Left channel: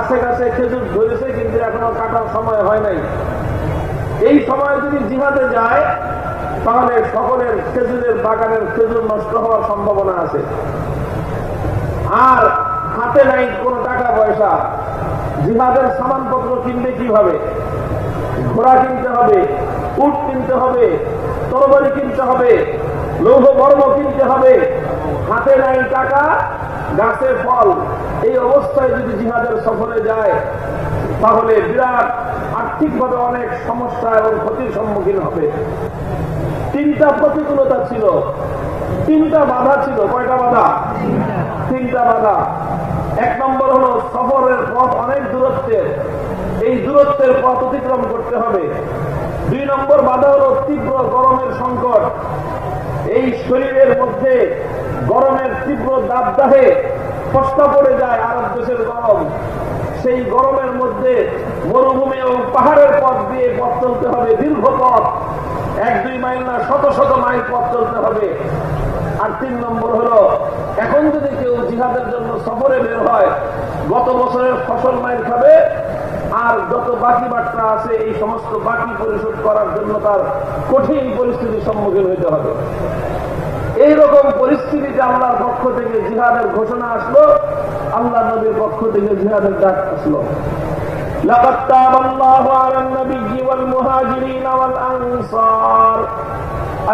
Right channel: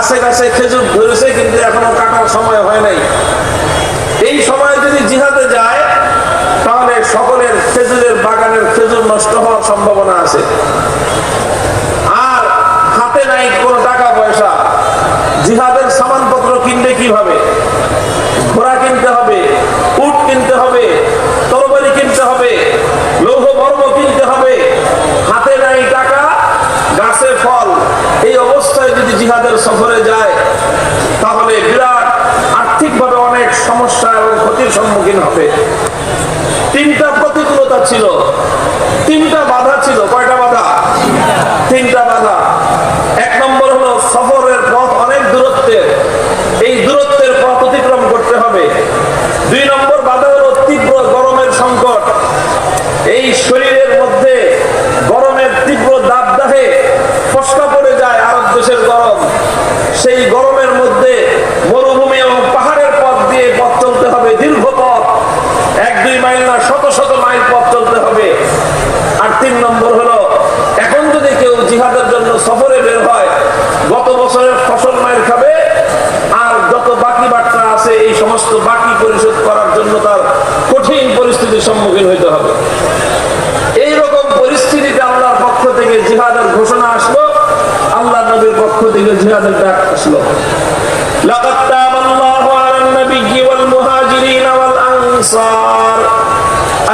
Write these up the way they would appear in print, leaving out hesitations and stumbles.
গাছে গাছে খেজুর ধরেছে কিন্তু এখনো কাটার সময় হয় নাই। এই সময় যদি জিহাদে যায় তাহলে সকলের খেজুরের বাগানের খেজুর নষ্ট হওয়ার সম্ভাবনা আছে। আর হাতে নাই কোনো টাকা পয়সা, জিহাদের সামানপত্র কিনবে কিভাবে? ঘোড়া কিনতে হবে, উট কিনতে হবে, তরবারি কিনতে হবে, লৌহ বর্ম কিনতে হবে, হাতে নাই টাকা, গাছে ফল। এই অবস্থায় যদি জিহাদের সফরে যায় তাহলে বিরাট আর্থিকভাবে অনেক সমস্যা এবং ক্ষতির সম্মুখীন হবে। তিনটা প্রতিকূলতা ছিল, তিনটা বাধা ছিল। কয়টা বাধা? তিনটা বাধা। এক নম্বর হলো সফরের পথ অনেক দূরত্বের, এই দূরত্বের পথ অতিক্রম করতে হবে। দুই নম্বর বাধা হলো তীব্র গরমের সংকট, এই শরীরের মধ্যে গরমের তীব্র দাবদাহে ফসকা পড়ে যায় আরব দেশের গরম। সেই গরমের মধ্যে মরুভূমি এবং পাহাড়ের পথ দিয়ে পথ চলতে হবে, দীর্ঘ পথ, 1-2 মাইল না, শত শত মাইল পথ চলতে হবে। আর তিন নম্বর হলো এখন যদি কেউ জিহাদের জন্য সফরে বের হয়, গত বছরের ফসল মাইর খাবে, আর যত বাকি বাট্টা আছে এই সমস্ত বাকি পরিশোধ করার জন্য তার কঠিন পরিস্থিতির সম্মুখীন হইতে হবে। এইরকম পরিস্থিতিতে আল্লাহর পক্ষ থেকে জিহাদের ঘোষণা আসলো, আল্লাহ নবীর পক্ষ থেকে জিহাদের ডাক আসলো। লাকাদ তাবাল্লাহু আলান নাবিয়্যি ওয়াল মুহাজিরিন ওয়াল আনসার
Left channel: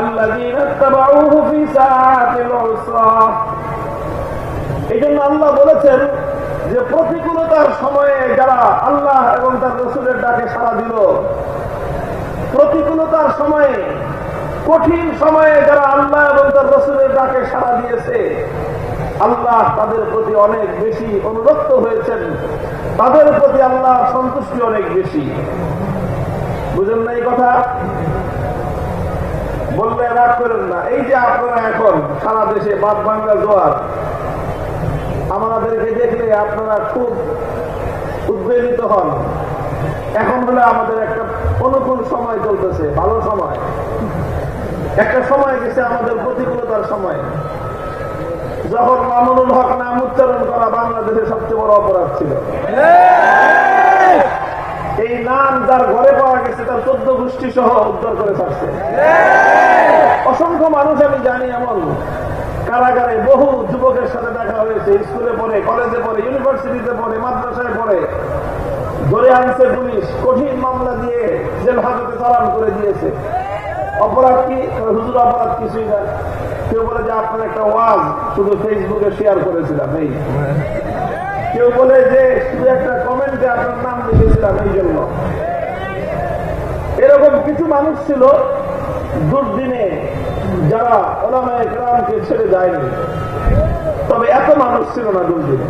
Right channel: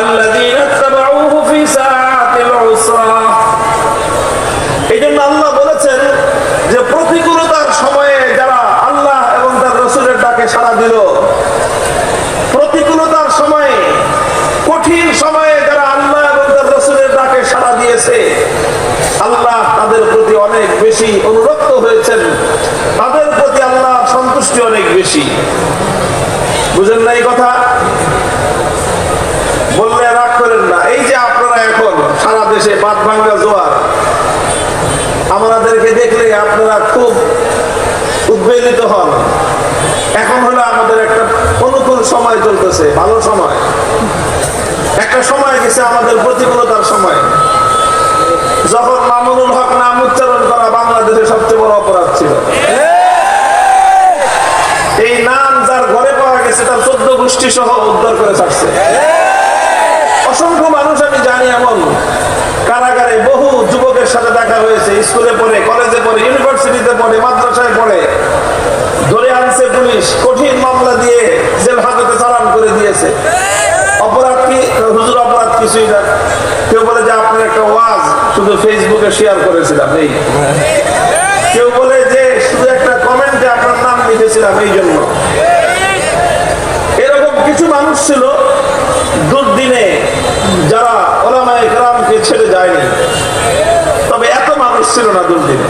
আল্লাযীনা ইত্তাবাউহু ফি সাআতিল উসরা। এইজন্য আল্লাহ বলেছেন যে প্রতিকূলতার সময়ে যারা আল্লাহ এবং তার রাসূলের ডাকে সাড়া দিল, প্রতিকূলতার সময়ে, কঠিন সময়ে যারা আল্লাহ এবং তার রাসূলের ডাকে সাড়া দিয়েছে, আল্লাহ তাদের প্রতি অনেক বেশি অনুরক্ত হয়েছেন, তাদের প্রতি আল্লাহ সন্তুষ্টি অনেক বেশি। বুঝেন না এই কথা? বললে রাগ করেন না। এই যে আপনারা এখন সারা দেশে বাদ ভাঙ্গা জোয়ার, আমাদেরকে দেখলে আপনারা খুব উদ্বেলিত হন। এখন হলো আমাদের একটা অনুকূল সময় চলতেছে, ভালো সময়। একটা সময় গেছে আমাদের প্রতিকূলতার সময়, যখন মামুনুল হক নাম উচ্চারণ করা বাংলাদেশের সবচেয়ে বড় অপরাধ ছিল। এই নাম যার ঘরে পাওয়া গেছে তার 14 গোষ্ঠী সহ উদ্ধার করে ছাড়ছে। অসংখ্য মানুষ আমি জানি এমন, কারাগারে বহু যুবকের সাথে দেখা হয়েছে, স্কুলে পড়ে, কলেজে পড়ে, ইউনিভার্সিটিতে পড়ে, মাদ্রাসায় পড়ে, ধরে আনছে পুলিশ, কঠিন মামলা দিয়ে জেল হাজতে চালান করে দিয়েছে। অপরাধ কি? হুজুর অপরাধ কিছুই না। কেউ বলে যে আপনার একটা ওয়াজ শুধু ফেসবুকে শেয়ার করেছিলাম, এই। কেউ বলে যে শুধু একটা কমেন্টে আপনার নাম লিখেছিলাম, এই জন্য। এরকম কিছু মানুষ ছিল দুর্দিনে যারা উলামায়ে কেরামকে ছেড়ে যায়নি, তবে এত মানুষ ছিল না দুর্দিনে,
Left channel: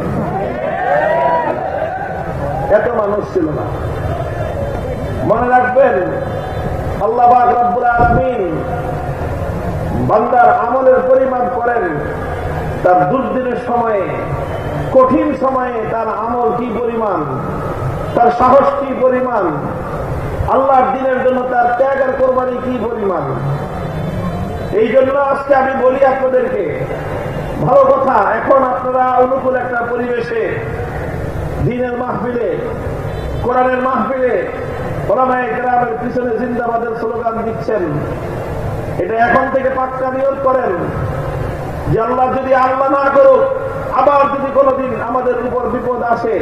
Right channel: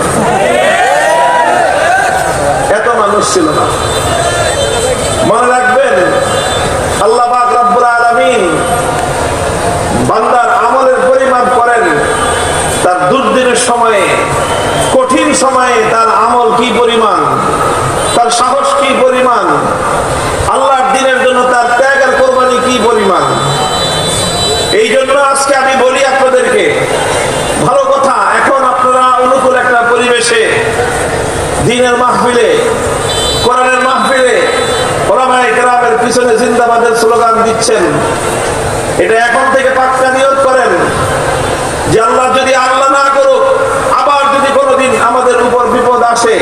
এত মানুষ ছিল না। মনে রাখবেন, আল্লাহ পাক রব্বুল আলামিন বান্দার আমলের পরিমাপ করেন তার দুর্দিনের সময়ে, কঠিন সময়ে তার আমল কি পরিমাণ, তার সাহস কি পরিমাণ, আল্লাহর দ্বীনের জন্য তার ত্যাগ আর কোরবানি কি পরিমাণ। এই জন্য আজকে আমি বলি আপনাদেরকে, ভালো কথা, এখন আপনারা অনুকূল একটা পরিবেশে দ্বীনের মাহফিলে, কোরআনের মাহফিলে উলামায়ে কেরামের পিছনে জিন্দাবাদের স্লোগান দিচ্ছেন। এটা এখন থেকে পাক্কা নিয়ত করেন যে আল্লাহ যদি আল্লাহ না করুক, আবার যদি কোনোদিন আমাদের উপর বিপদ আসে,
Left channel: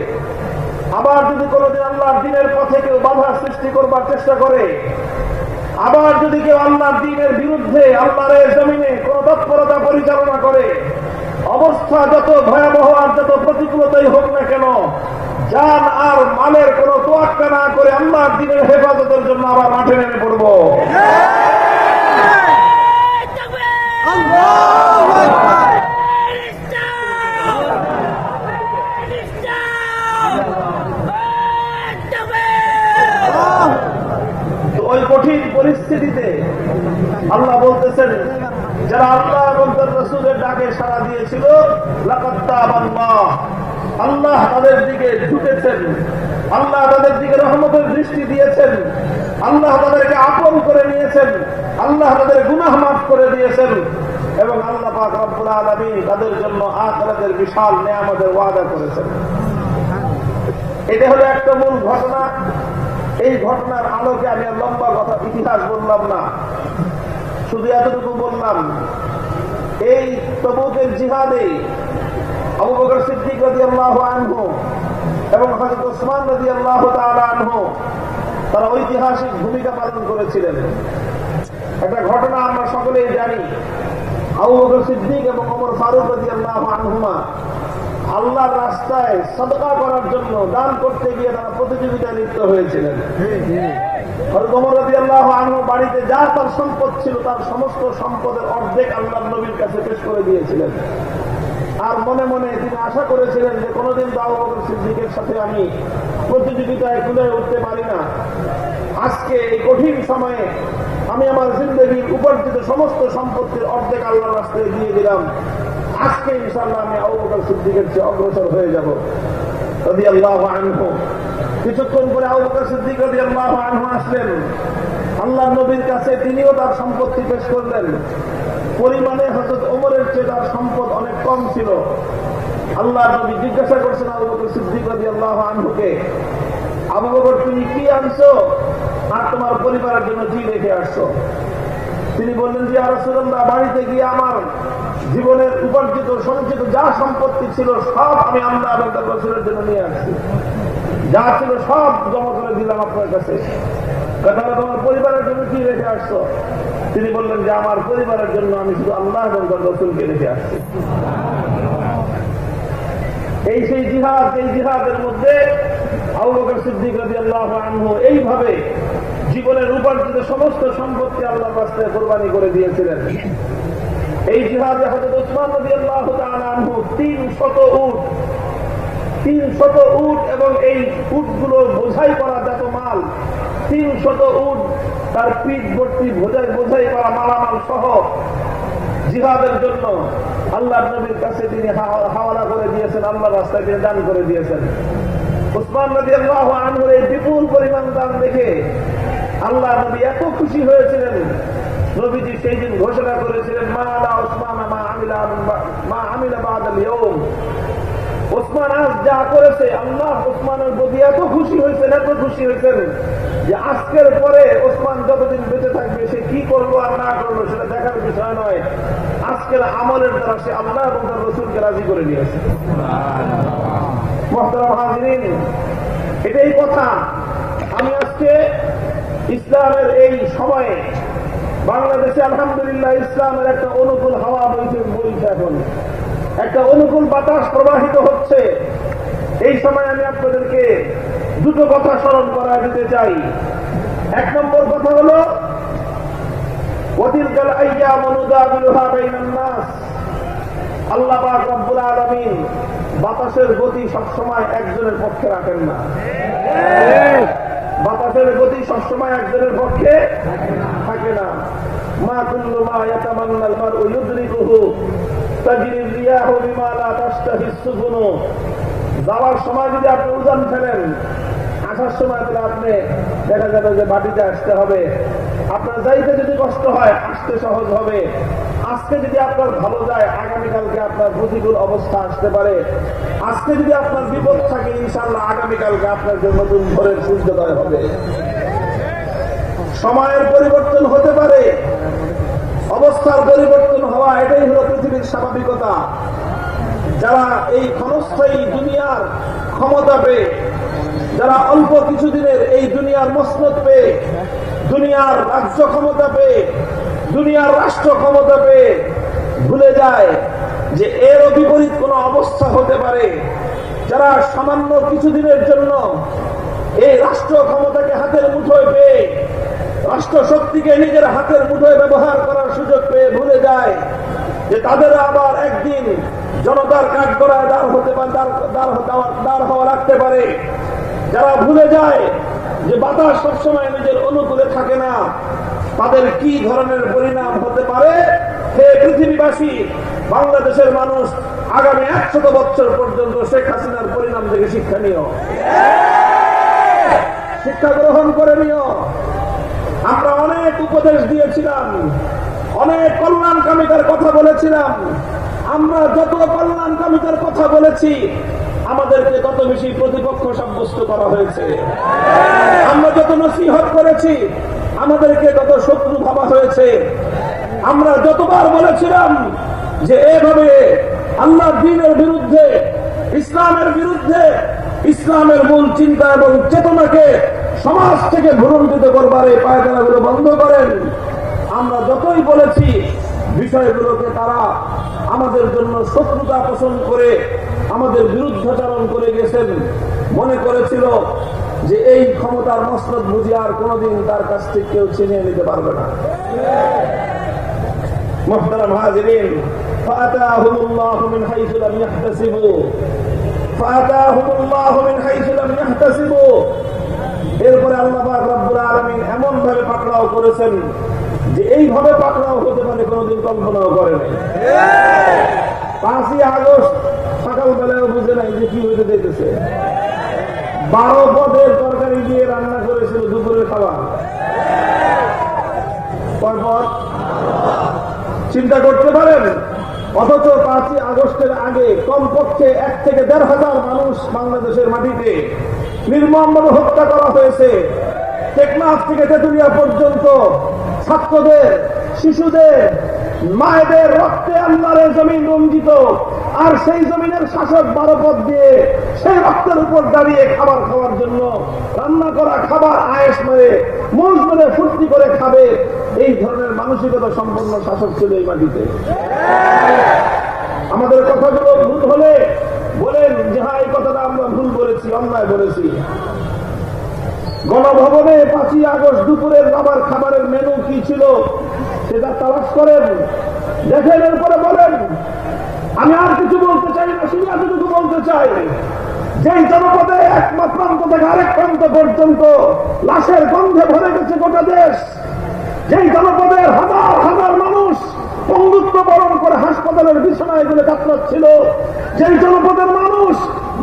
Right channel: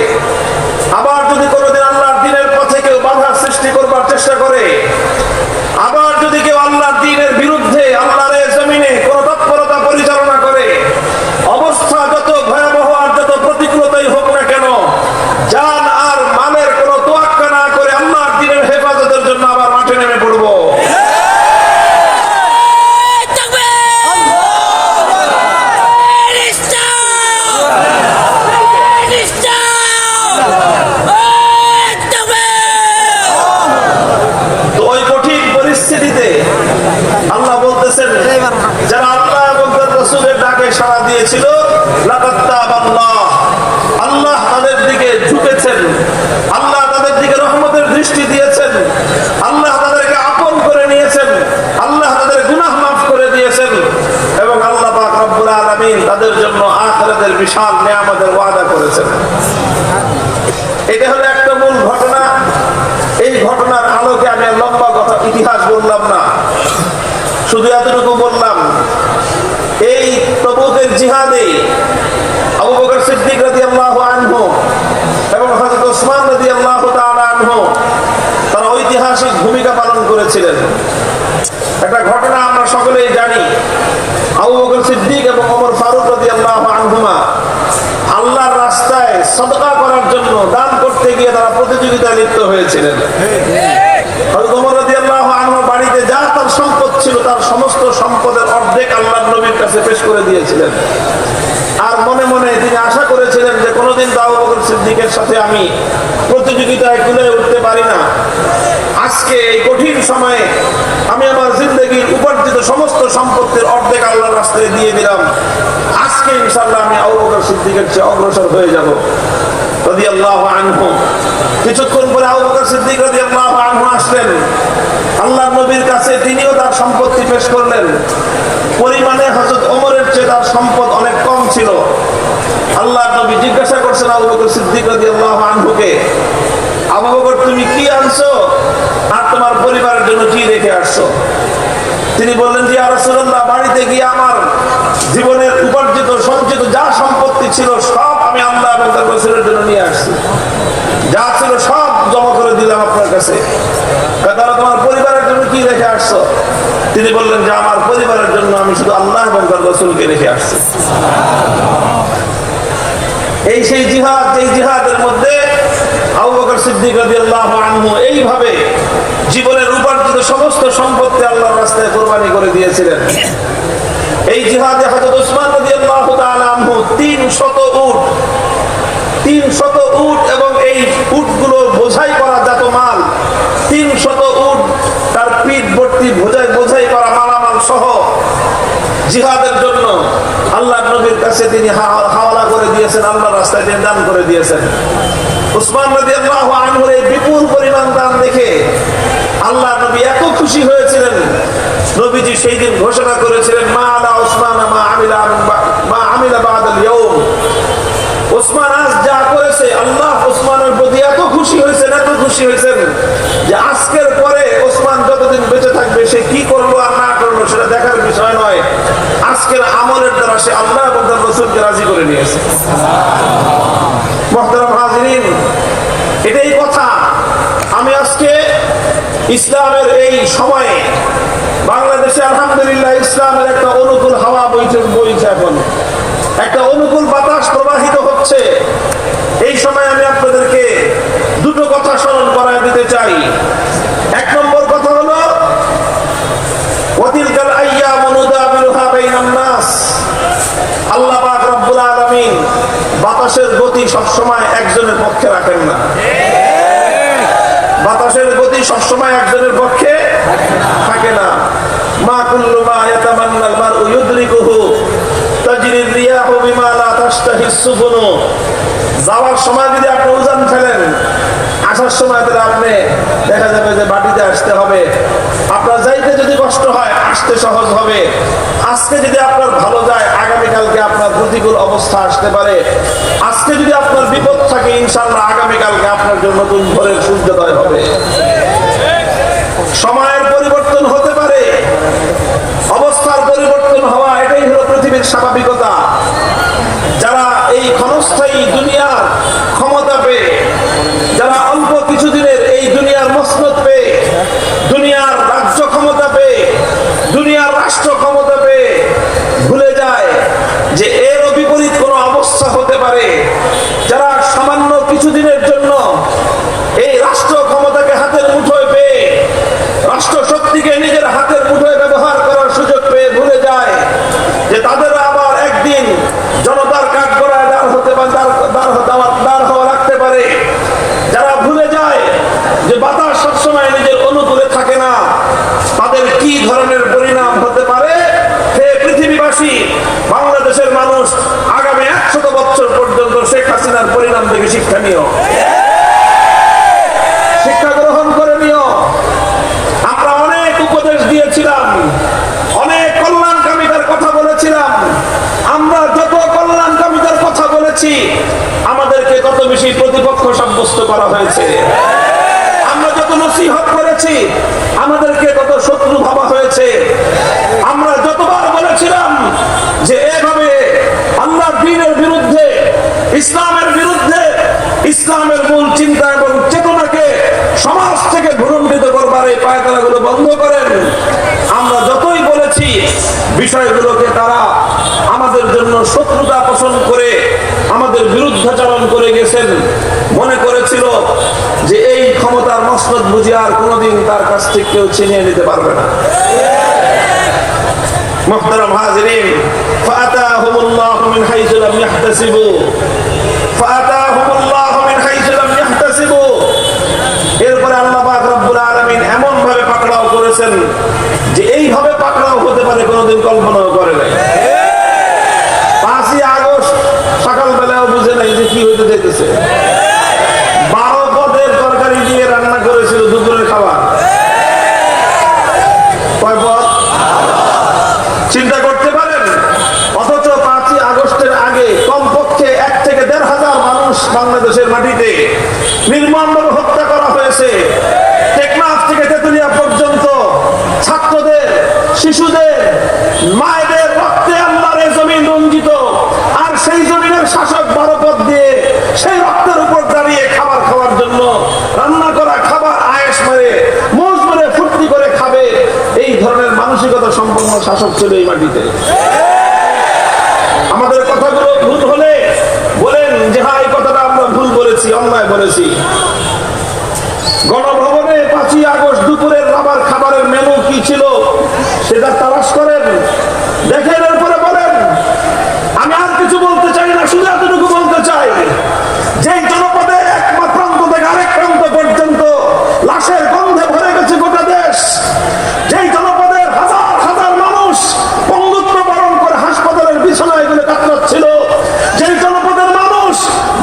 আবার যদি কোনোদিন আল্লাহর দ্বীনের পথে কেউ বাধার সৃষ্টি করবার চেষ্টা করে, আবার যদি কেউ আল্লাহর দ্বীনের বিরুদ্ধে আল্লাহর জমিনে কোন তৎপরতা পরিচালনা করে, অবস্থা যত ভয়াবহ আর যত প্রতিকূলতাই হোক না কেন, জান আর মালের কোন তোয়াক্কা না করে আল্লাহর দ্বীনের হেফাজতের জন্য আবার মাঠে নেমে পড়বো। এটা হলো একটা মূল ঘটনা। এই ঘটনার আলোকে আমি আর লম্বা কথা ইতিহাস বললাম না, শুধু এতটুকু বললাম, এই তবুকের জিহাদে আবু বকর সিদ্দিক রাদিয়াল্লাহু আনহু এবং হযরত ওসমান রাদিয়াল্লাহু তাআলা আনহু তারা ঐতিহাসিক ভূমিকা পালন করেছিলেন। একটা ঘটনা আমরা সকলেই জানি, আবু বকর সিদ্দিক এবং ওমর ফারুক রাদিয়াল্লাহু আনহুমা আল্লাহর রাস্তায় সদকা করার জন্য দান করতে গিয়ে তারা প্রতিযোগিতায় লিপ্ত হয়েছিলেন। হযরত ওমর রাদিয়াল্লাহু আনহু বাড়িতে যা তার সম্পদ ছিল তার সমস্ত সম্পদের অর্ধেক আল্লাহর নবীর কাছে পেশ করে দিয়েছিলেন। আর মনে মনে তিনি আশা করেছিলেন যে কোনোদিন তো আবু বকর সিদ্দিকের সাথে আমি প্রতিযোগিতায় কুলে উঠতে পারি না, আজকে এই কঠিন সময়ে আমি আমার জিন্দগির উপার্জিত সমস্ত সম্পত্তির অর্ধেক আল্লাহর রাস্তায় দিয়ে দিলাম, আজকে ইনশাআল্লাহ আমি আবু বকর সিদ্দিকের চেয়ে অগ্রসর হয়ে যাব রাদিয়াল্লাহু আনহু। কিছুক্ষণ পরে আবু বকর সিদ্দিক রাদিয়াল্লাহু আনহু আসলেন আল্লাহর নবীর কাছে, তিনিও তার সম্পত্তি পেশ করলেন। পরিমাণে হযরত ওমরের চেয়ে তার সম্পদ অনেক কম ছিল। আল্লাহর নবী জিজ্ঞাসা করছেন আবু বকর সিদ্দিক রাদিয়াল্লাহু আনহুকে, আবু বকর তুমি কি আনছো আর তোমার পরিবারের জন্য কি রেখে আসছো? তিনি বললেন যে ইয়া রাসূলুল্লাহ, বাড়িতে গিয়ে আমার জীবনের উপার্জিত সঞ্চিত যা সম্পত্তি ছিল সব আমি আল্লাহ এবং তার রাসূলের জন্য নিয়ে আসছি, যা ছিল সব জমা করে দিলাম আপনার কাছে। তাহলে তোমার পরিবারের জন্য কি রেখে আসছো? তিনি বললেন যে আমার পরিবারের জন্য আমি শুধু আল্লাহ এবং তার রাসূলকে রেখে আসছি। এই সেই জিহাদ, এই জিহাদের মধ্যে আবু বকর সিদ্দিক রাদিয়াল্লাহু আনহু এইভাবে জীবনের উপার্জিত সমস্ত সম্পত্তি আল্লাহর রাস্তায় কুরবানি করে দিয়েছিলেন। এই জিহাদে হযরত ওসমান রাদিয়াল্লাহু তাআলা আনহু 300 উট এবং এই উটগুলো বোঝাই করা যত মাল, 300 উট তার পিঠ ভর্তি বোঝাই করা মালামাল সহ জিহাদের জন্য আল্লাহর নবীর কাছে তিনি হাওয়ালা করে দিয়েছেন, আল্লাহর রাস্তায় তিনি দান করে দিয়েছেন। ওসমান রাদিয়াল্লাহু আনহুর এই বিপুল পরিমাণ দান দেখে আল্লাহর নবী এত খুশি হয়েছিলেন, নবীজি সেই দিন ঘোষণা করেছিলেন মা আলা ওসমান মা আমিলা বাদাল ইয়াউম। ওসমান আজ যা করেছে, আল্লাহ ওসমানের প্রতি এত খুশি হয়েছেন যে আজকের পরে ওসমান যতদিন বেঁচে থাকবে সে কি করলো আর না করলো সেটা দেখার বিষয় নয়, আজকের আমলের দ্বারা সে আল্লাহ এবং তার রাসূলকে রাজি করে নিয়েছে। মুহতারাম হাজিরিন, এটাই কথা। আমি আজকে ইসলামের এই সময়ে বাংলাদেশে আলহামদুলিল্লাহ ইসলামের একটা অনুকূল হাওয়া বইছে, এখন একটা অনুকূল বাতাস প্রবাহিত হচ্ছে। এই সময় আমি আপনাদেরকে দুটো কথা স্মরণ করায় দিতে চাই। এক নম্বর কথা হলো ওয়াতিলকাল আইয়ামু নুদাবিলুহা বাইনান নাস। আল্লাহ পাক রব্বুল আলামিন বাতাসের গতি সবসময় একজনের পক্ষে রাখেন না। বাতাসের গতি সবসময় একজনের পক্ষে থাকে না। মা কুল্লু মা ইয়াতামান্নাল মারউ ইউদরিকুহু তাজরির রিয়াহু বিমা লা তাশতাহিস সুফুনু। যাওয়ার সময় যদি আপনি উজান ফেলেন, আসার সময় তাহলে আপনি দেখা যাবে যে বাটিতে আসতে হবে। আপনার যাইতে যদি কষ্ট হয়, আসতে সহজ হবে। আজকে যদি আপনার ভালো যায়, আগামীকালকে আপনার প্রতিকূল অবস্থা আসতে পারে। আজকে যদি আপনার বিপদ থাকে, ইনশাআল্লাহ আগামীকালকে আপনার জন্য নতুন ভোরের সূর্যোদয় হবে। সময়ের পরিবর্তন হতে পারে, অবস্থার পরিবর্তন হওয়া এটাই হলো পৃথিবীর স্বাভাবিকতা। যারা এই ক্ষণস্থায়ী দুনিয়ার ক্ষমতা পেয়ে, যারা অল্প কিছুদিনের এই দুনিয়ার মসনদ পেয়ে, দুনিয়ার রাজ্য ক্ষমতা পেয়ে, দুনিয়ার রাষ্ট্র ক্ষমতা পেয়ে ভুলে যায় যে এরও বিপরীত কোনো অবস্থা হতে পারে। যারা সামান্য কিছুদিনের জন্য এই রাষ্ট্র ক্ষমতাকে হাতের মুঠোয় পেয়ে, রাষ্ট্র শক্তিকে নিজের হাতের মুঠোয় ব্যবহার করার সুযোগ পেয়ে ভুলে যায় যে তাদের আবার একদিন জনতার কাঠ গড়ায় দাঁড় হওয়া রাখতে পারে। যারা ভুলে যায় যে বাতাস সবসময় নিজের অনুকূলে থাকে না, তাদের কি ধরনের পরিণাম হতে পারে। হে পৃথিবীবাসী, বাংলাদেশের মানুষ আগামী 100 বছর পর্যন্ত শেখ হাসিনার পরিণাম থেকে শিক্ষা নিও, শিক্ষা গ্রহণ করে নিও। আমরা অনেক উপদেশ দিয়েছিলাম, অনেক কল্যাণকামিতার কথা বলেছিলাম। আমরা যত কল্যাণকামিতার কথা বলেছি, আমাদেরকে কত বেশি প্রতিপক্ষ সাব্যস্ত করা হয়েছে। আমরা যত নসিহত করেছি আমাদেরকে তত শত্রু ভাবা হয়েছে। আমরা যতবার বলেছিলাম যে এভাবে আল্লাহর দ্বীনের বিরুদ্ধে, ইসলামের বিরুদ্ধে, ইসলামের মূল চিন্তা এবং চেতনাকে সমাজ থেকে ভুলণ্ঠিত করবার এই পায়তারাগুলো বন্ধ করেন, আমরা যতই বলেছি বিষয়গুলোকে তারা আমাদের জন্য শত্রুতা পোষণ করে আমাদের বিরুদ্ধাচরণ করে গেছেন। মনে করেছিল যে এই ক্ষমতার মসনদ বুঝে আর কোনোদিন তার কাছ থেকে কেউ ছিনিয়ে নিতে পারবে না। মুহতারাম হাজিরিন, ফাআতাহুমুল্লাহু মিন হাইসু লাম ইয়াহতাসিবু, ফাআতাহুমুল্লাহু মিন হাইসু লাম ইয়াহতাসিবু। এরপরে আল্লাহ পাক রব্বুল আলামিন এমন ভাবে পাকড়াও করেছেন যে এইভাবে পাকড়াও হতে পারে কোনোদিন কল্পনাও করে নাই। 5ই আগস্ট সকালবেলাও বুঝে নাই যে কি হইতে যেতেছে। 12 পদের তরকারি দিয়ে রান্না করেছিল দুপুরের খাবার। কয় পদ? চিন্তা করতে পারেন? অথচ 5ই আগস্টের আগে কমপক্ষে 1 থেকে 1,500 মানুষ বাংলাদেশের মাটিতে নির্মমভাবে হত্যা করা হয়েছে। টেকনাফ থেকে তেতুলিয়া পর্যন্ত ছাত্রদের, শিশুদের, মায়েদের রক্তে আল্লাহর এই জমিন রঞ্জিত। আর সেই জমিনের শাসক 12 পদ দিয়ে সেই রক্তের উপর দাঁড়িয়ে খাবার খাওয়ার জন্য রান্না করা খাবার আয়েশ মেরে, মৌজ মেরে, ফুর্তি করে খাবে, এই ধরনের মানসিকতা সম্পন্ন শাসক ছিল এই মাটিতে। আমাদের কথাগুলো ভুল হলে বলেন যে হ্যাঁ, এই কথাটা আমরা ভুল বলেছি, অন্যায় বলেছি। গণভবনে 5ই আগস্ট দুপুরের খাবারের মেনু কি ছিল সেটা তালাশ করেন, দেখেন, এরপরে বলেন। আমি আর কিছু বলতে চাই না, শুধু এতটুকু বলতে চাই, যেই জনপদে এক প্রান্ত থেকে আরেক প্রান্ত পর্যন্ত লাশের গন্ধে ভরে গেছে গোটা দেশ, যেই জনপদের হাজার হাজার মানুষ পঙ্গুত্ব বরণ করে হাসপাতালের বিছানায় গুলো কাতরাচ্ছিল, যেই জনপদের মানুষ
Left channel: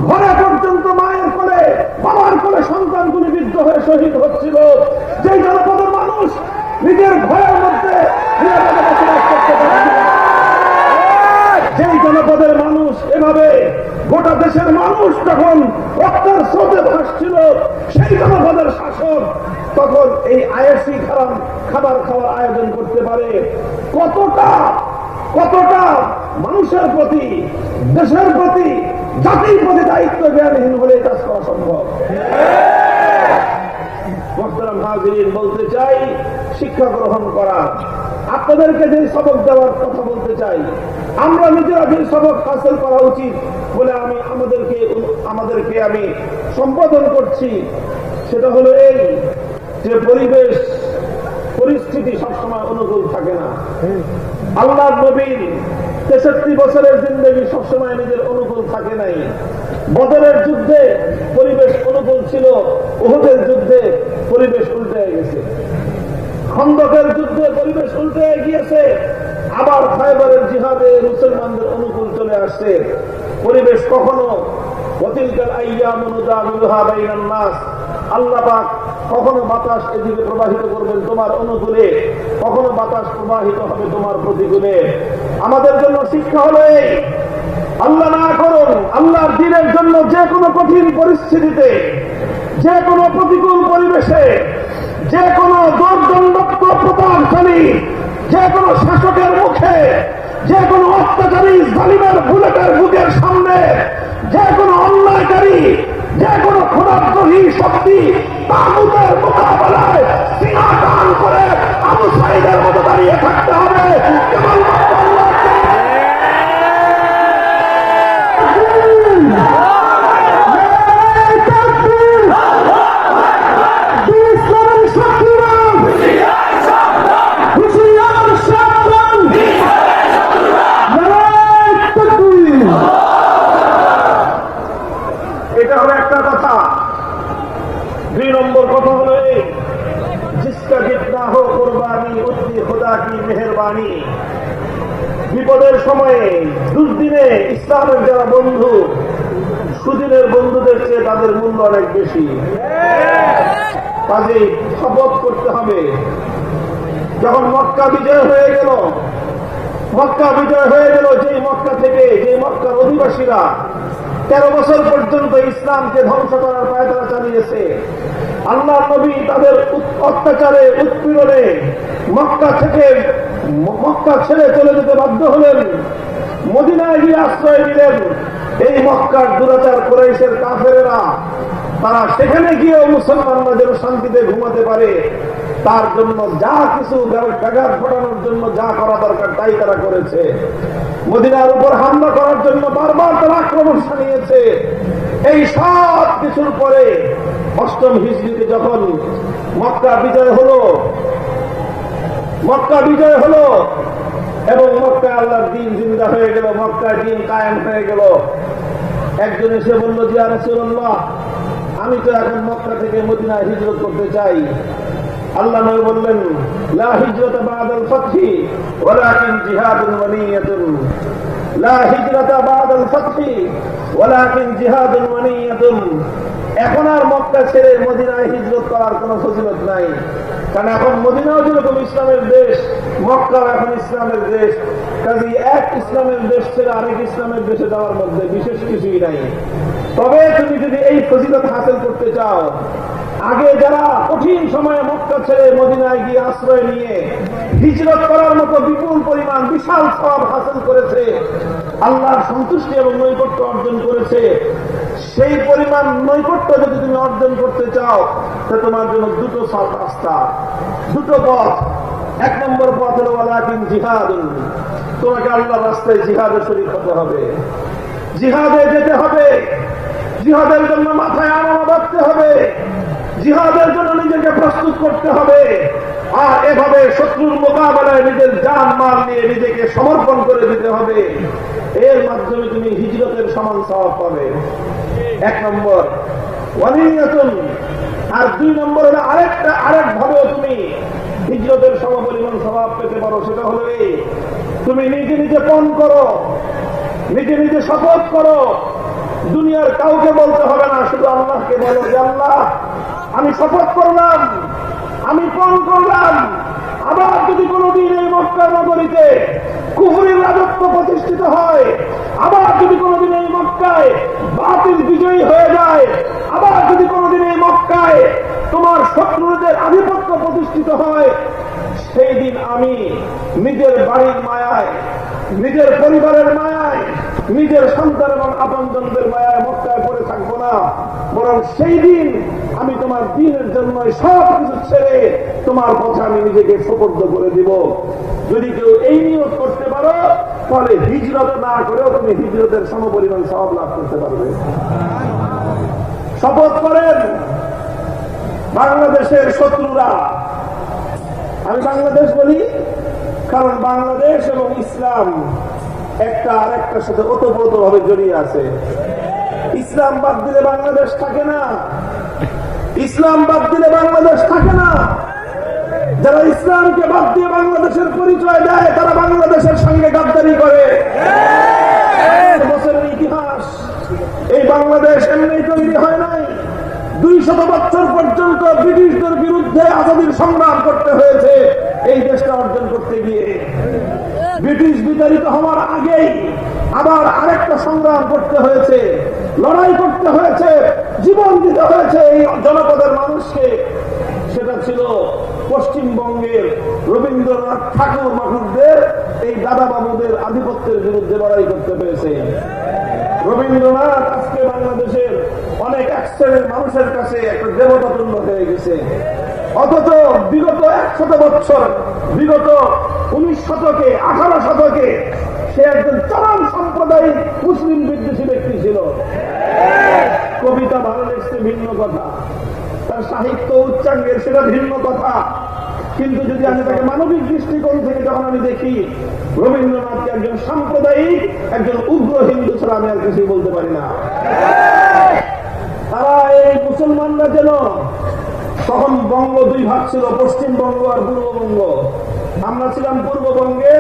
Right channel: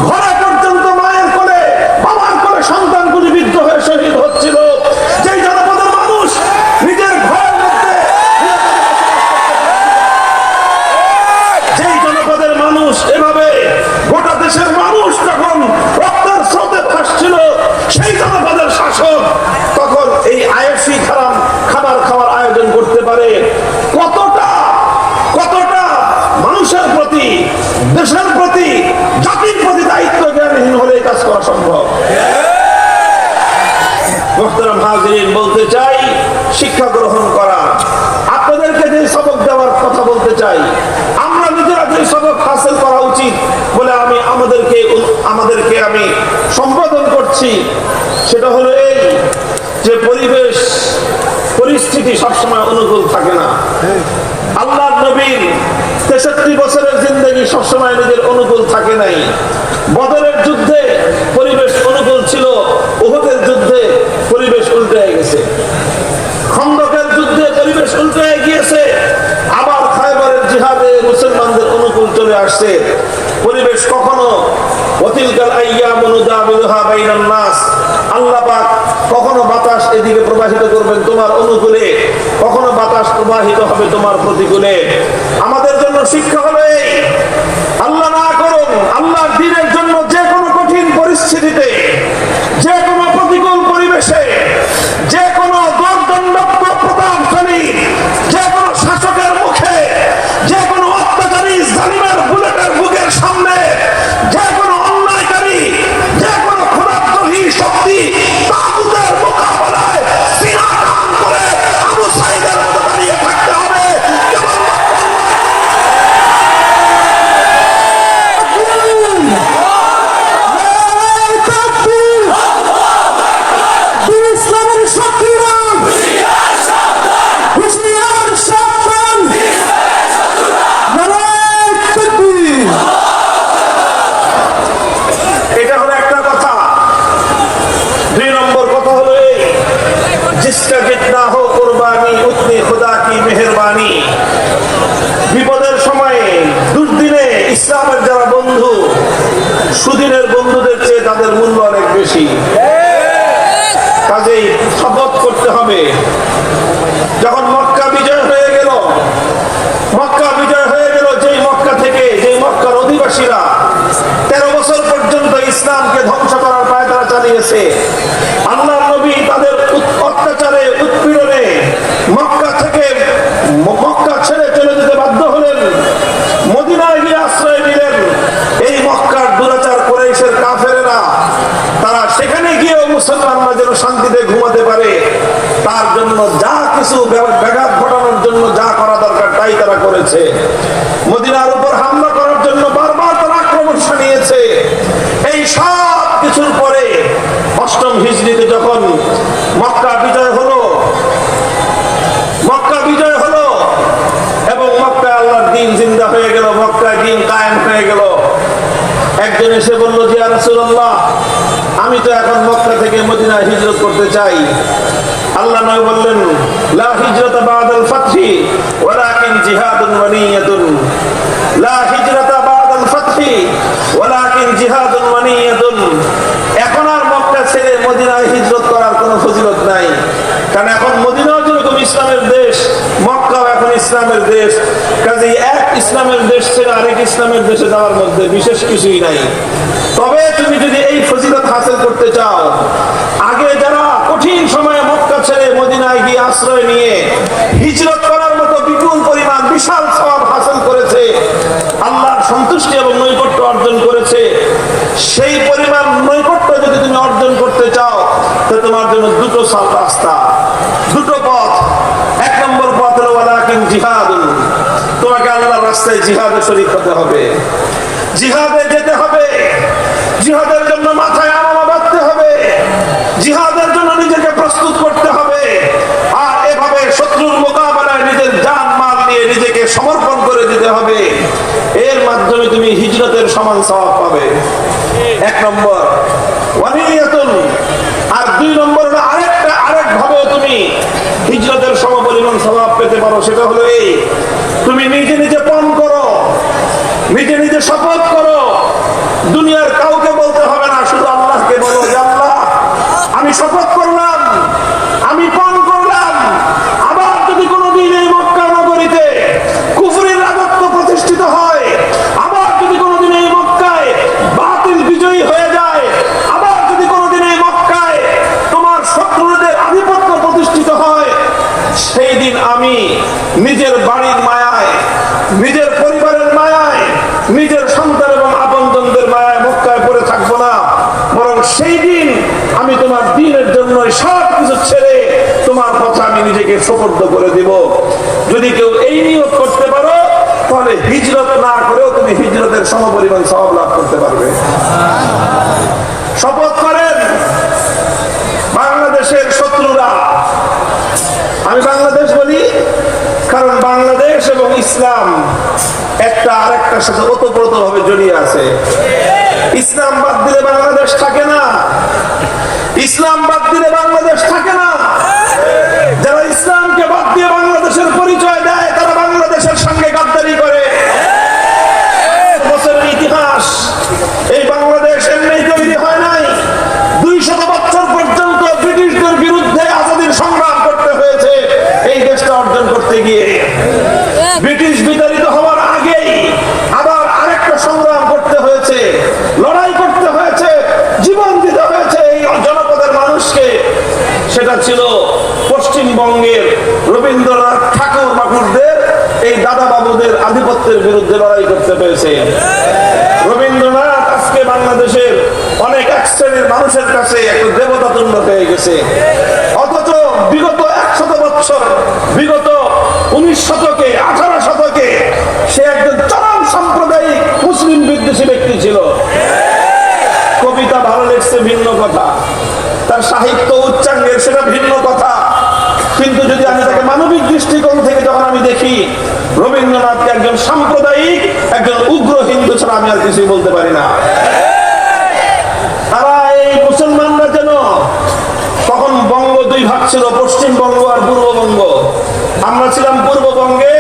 ঘরে পর্যন্ত মায়ের করে, বাবার করে সন্তান গুলিবিদ্ধ হয়ে শহীদ হচ্ছিল, যেই জনপদের মানুষ নিজের ঘরের মধ্যে, যেই জনপদের মানুষ এভাবে গোটা দেশের মানুষ যখন রক্তের স্রোতে ভাসছিল, সেই জনপদের শাসক তখন এই আয়েশি খাবার খাওয়ার আয়োজন করতে পারে। কতটা কতটা মানুষের প্রতি, দেশের প্রতি, জাতির প্রতি দায়িত্ব জ্ঞানহীন হলে কাজ করা সম্ভব। মুহতারাম হাজিরিন, বলতে চাই শিক্ষা গ্রহণ করা, আপনাদেরকে যে সবক দেওয়ার কথা বলতে চাই, আমরা নিজেরা যে সবক হাসিল করা উচিত বলে আমি আমাদেরকে আমি সম্বোধন করছি, সেটা হলো এই যে পরিবেশ পরিস্থিতি সবসময় অনুকূল থাকে না। আল্লাহর নবীর 63 বছরের জিন্দেগি সবসময় নিজের অনুকূল থাকে নাই। বদরের যুদ্ধে পরিবেশ অনুকূল ছিল, উহুদের যুদ্ধে পরিবেশ উল্টে গেছে, খন্দকের যুদ্ধে পরিবেশ উল্টে গিয়েছে, আবার খায়বারের জিহাদে মুসলমানদের অনুকূল চলে আসছে। পরিবেশ কখনো ওয়াতিলকাল আইয়ামু নুদাবিলুহা বাইনান নাস, আল্লাহ পাক কখনো বাতাস এদিকে প্রবাহিত করবেন তোমার অনুকূলে, কখনো বাতাস প্রবাহিত হবে তোমার প্রতিকূলে। আমাদের জন্য শিক্ষা হলো এই, আল্লাহ না করুন আল্লাহর দ্বীনের জন্য যে কোনো কঠিন পরিস্থিতিতে, যে কোনো প্রতিকূল পরিবেশে, যে কোনো দুর্দণ্ডপ্য প্রতাপশালী, যে কোনো শাসকের মুখে, যে কোনো অত্যাচারী জালিমের বুলেটের বুকের সামনে, যে কোনো অন্যায়কারী, যে কোনো ক্ষুধাদ্রোহী শক্তি তাগুতের মোকাবেলায় সিংহাসন করে আবু সাঈদের মতো দাঁড়িয়ে থাকতে হবে। এটা হলো একটা কথা। 2 নম্বর কথা হলো এই, জিসকা জিতনা হো কুরবানি উতনি খুদা কি মেহেরবানি। বিপদের সময়ে, দুর্দিনে ইসলামের যারা বন্ধু, সুদিনের বন্ধুদের চেয়ে তাদের মূল্য অনেক বেশি। কাজেই শপথ করতে হবে। যখন মক্কা বিজয় হয়ে গেল, যেই মক্কা থেকে, যেই মক্কার অধিবাসীরা 13 বছর পর্যন্ত ধ্বংস করার পায়তারা চালিয়েছে। আল্লাহ নবী তাদের অত্যাচারে উৎপীড়নে মক্কা ছেড়ে চলে যেতে বাধ্য হলেন, মদিনায় গিয়ে আশ্রয় নিলেন। এই মক্কার দুরাচার কুরাইশের কাফেরেরা তারা সেখানে গিয়েও মুসলমানরা যেন শান্তিতে ঘুমাতে পারে তার জন্য যা কিছু ব্যাঘাত ঘটানোর জন্য যা করা দরকার তাই তারা করেছে। মদিনার উপর হামলা করার জন্য বারবার তারা আক্রমণ চালিয়েছে। এই সব কিছুর পরে 8ম হিজরিতে যখন মক্কা বিজয় হলো এবং মক্কায় আল্লাহর দ্বীন জিন্দা হয়ে গেল, মক্কায় দ্বীন কায়েম হয়ে গেল। একজন এসে বলল যে ইয়া রাসূলুল্লাহ, আমি তো এখন মক্কা থেকে মদিনায় হিজরত করতে চাই। আল্লাহ নবী বললেন, লা হিজরাতা বাদাল ফাতহি ওয়ালাকিন জিহাদুন ওয়া নিয়াতুন। লা হিজরাতা বাদাল ফাতহি ওয়ালাকিন জিহাদুন ওয়া নিয়াতুন। এখন আর মক্কা ছেড়ে মদিনায় হিজরত করার কোনো ফজিলত নাই, কারণ এখন মদিনাও যেরকম ইসলামের দেশ, মক্কাও এখন ইসলামের দেশ। কাজেই এক ইসলামের দেশ ছেড়ে আরেক ইসলামের দেশে যাওয়ার মধ্যে বিশেষ কিছুই নাই। তবে তুমি যদি এই ফজিলত হাসিল করতে চাও, আগে যারা কঠিন সময়ে মক্কা ছেড়ে মদিনায় গিয়ে আশ্রয় নিয়ে হিজরত করার মতো বিপুল পরিমাণ বিশাল সওয়াব হাসিল করেছে, আল্লাহর সন্তুষ্টি এবং নৈকট্য অর্জন করেছে, সেই পরিমাণ নৈকট্য যদি তুমি অর্জন করতে চাও তো তোমার জন্য দুটো রাস্তা, দুটো পথ। 1 নম্বর পথ হলো ওয়ালাকিন জিহাদুন। তোমাকে আল্লাহর রাস্তায় জিহাদে শরীক হতে হবে, জিহাদে যেতে হবে, জিহাদের জন্য মাথায় আমলা বাঁধতে হবে, জিহাদের জন্য নিজেকে প্রস্তুত করতে হবে। আর এভাবে শত্রুর মোকাবেলায় নিজের জান মাল নিয়ে নিজেকে সমর্পণ করে দিতে হবে। এর মাধ্যমে তুমি হিজরতের সমান সওয়াব পাবে। 1 নম্বর ওয়ানিয়াতুন। আর 2 নম্বর হলো আরেক ভাবে তুমি হিজরতের সমপরিমাণ সওয়াব পেতে পারো। সেটা হলো এই, তুমি নিজে নিজে পণ করো, নিজে নিজে শপথ করো। দুনিয়ার কাউকে বলতে হবে না, শুধু আল্লাহকে বলো যে আল্লাহ, আমি শপথ করলাম, আমি পণ করলাম, আবার যদি কোনোদিন এই মক্কা নগরীতে কুফরের রাজত্ব প্রতিষ্ঠিত হয়, আবার যদি কোনোদিন এই মক্কায় বাতিল বিজয়ী হয়ে যায়, আবার যদি কোনোদিন এই মক্কায় তোমার শত্রুদের আধিপত্য প্রতিষ্ঠিত হয়, সেই দিন আমি নিজের বাড়ির মায়ায়, নিজের পরিবারের মায়ায়, নিজের সন্তান এবং আপনজনদের মায়ায় মক্কায় পড়ে থাকবো না, বরং সেই দিন আমি তোমার দ্বীনের জন্য সব কিছু ছেড়ে তোমার কথা আমি নিজেকে সুপর্দ করে দিব। যদি কেউ এই নিয়ত করতে পারো তাহলে হিজরত না করেও তুমি হিজরতের সমপরিমাণ সওয়াব লাভ করতে পারবে। শপথ করেন বাংলাদেশের শত্রুরা। আমি বাংলাদেশ বলি কারণ বাংলাদেশ এবং ইসলাম একটা আরেকটার সাথে ওতপ্রোতভাবে জড়িয়ে আছে। ইসলাম বাদ দিলে বাংলাদেশ থাকে না, ইসলাম বাদ দিলে বাংলাদেশ থাকে না। যারা ইসলামকে বাদ দিয়ে বাংলাদেশের পরিচয় দেয় তারা বাংলাদেশের সঙ্গে গাদ্দারি করে। বছরের ইতিহাস, এই বাংলাদেশ এমনি তৈরি হয় নাই। 200 বছর পর্যন্ত ব্রিটিশদের বিরুদ্ধে আজাদির সংগ্রাম করতে হয়েছে এই দেশটা অর্জন করতে গিয়ে। ব্রিটিশ বিতাড়িত হওয়ার আগেই আবার আরেকটা সংগ্রাম করতে হয়েছে, লড়াই করতে হয়েছে, জীবন দিতে হয়েছে এই জনপদের মানুষকে। সেটা ছিল পশ্চিমবঙ্গের রবীন্দ্রনাথ ঠাকুর বাবুদের, এই দাদা বাবুদের আধিপত্যের বিরুদ্ধে লড়াই করতে হয়েছে। রবীন্দ্রনাথ আজকে বাংলাদেশের অনেক এক শ্রেণীর মানুষের কাছে একটা দেবতা তুল্য হয়ে গেছে, অথচ বিগত 100 বছর, বিগত 19 শতকে, 18 শতকে সে একজন চরম সাম্প্রদায়িক মুসলিম বিদ্বেষী ব্যক্তি ছিল। কবিতা ভালো লেগছে ভিন্ন কথা, তার সাহিত্য উচ্চাঙ্গের সেটা ভিন্ন কথা, কিন্তু যদি আমি তাকে মানবিক দৃষ্টিকোণ থেকে যখন আমি দেখি, রবীন্দ্রনাথকে একজন সাম্প্রদায়িক, একজন উগ্র হিন্দু ছাড়া আমি আর কিছুই বলতে পারি না। তারা এই মুসলমানরা যেন, তখন বঙ্গ 2 ভাগ ছিল, পশ্চিমবঙ্গ আর পূর্ববঙ্গ। আমরা ছিলাম পূর্ববঙ্গে,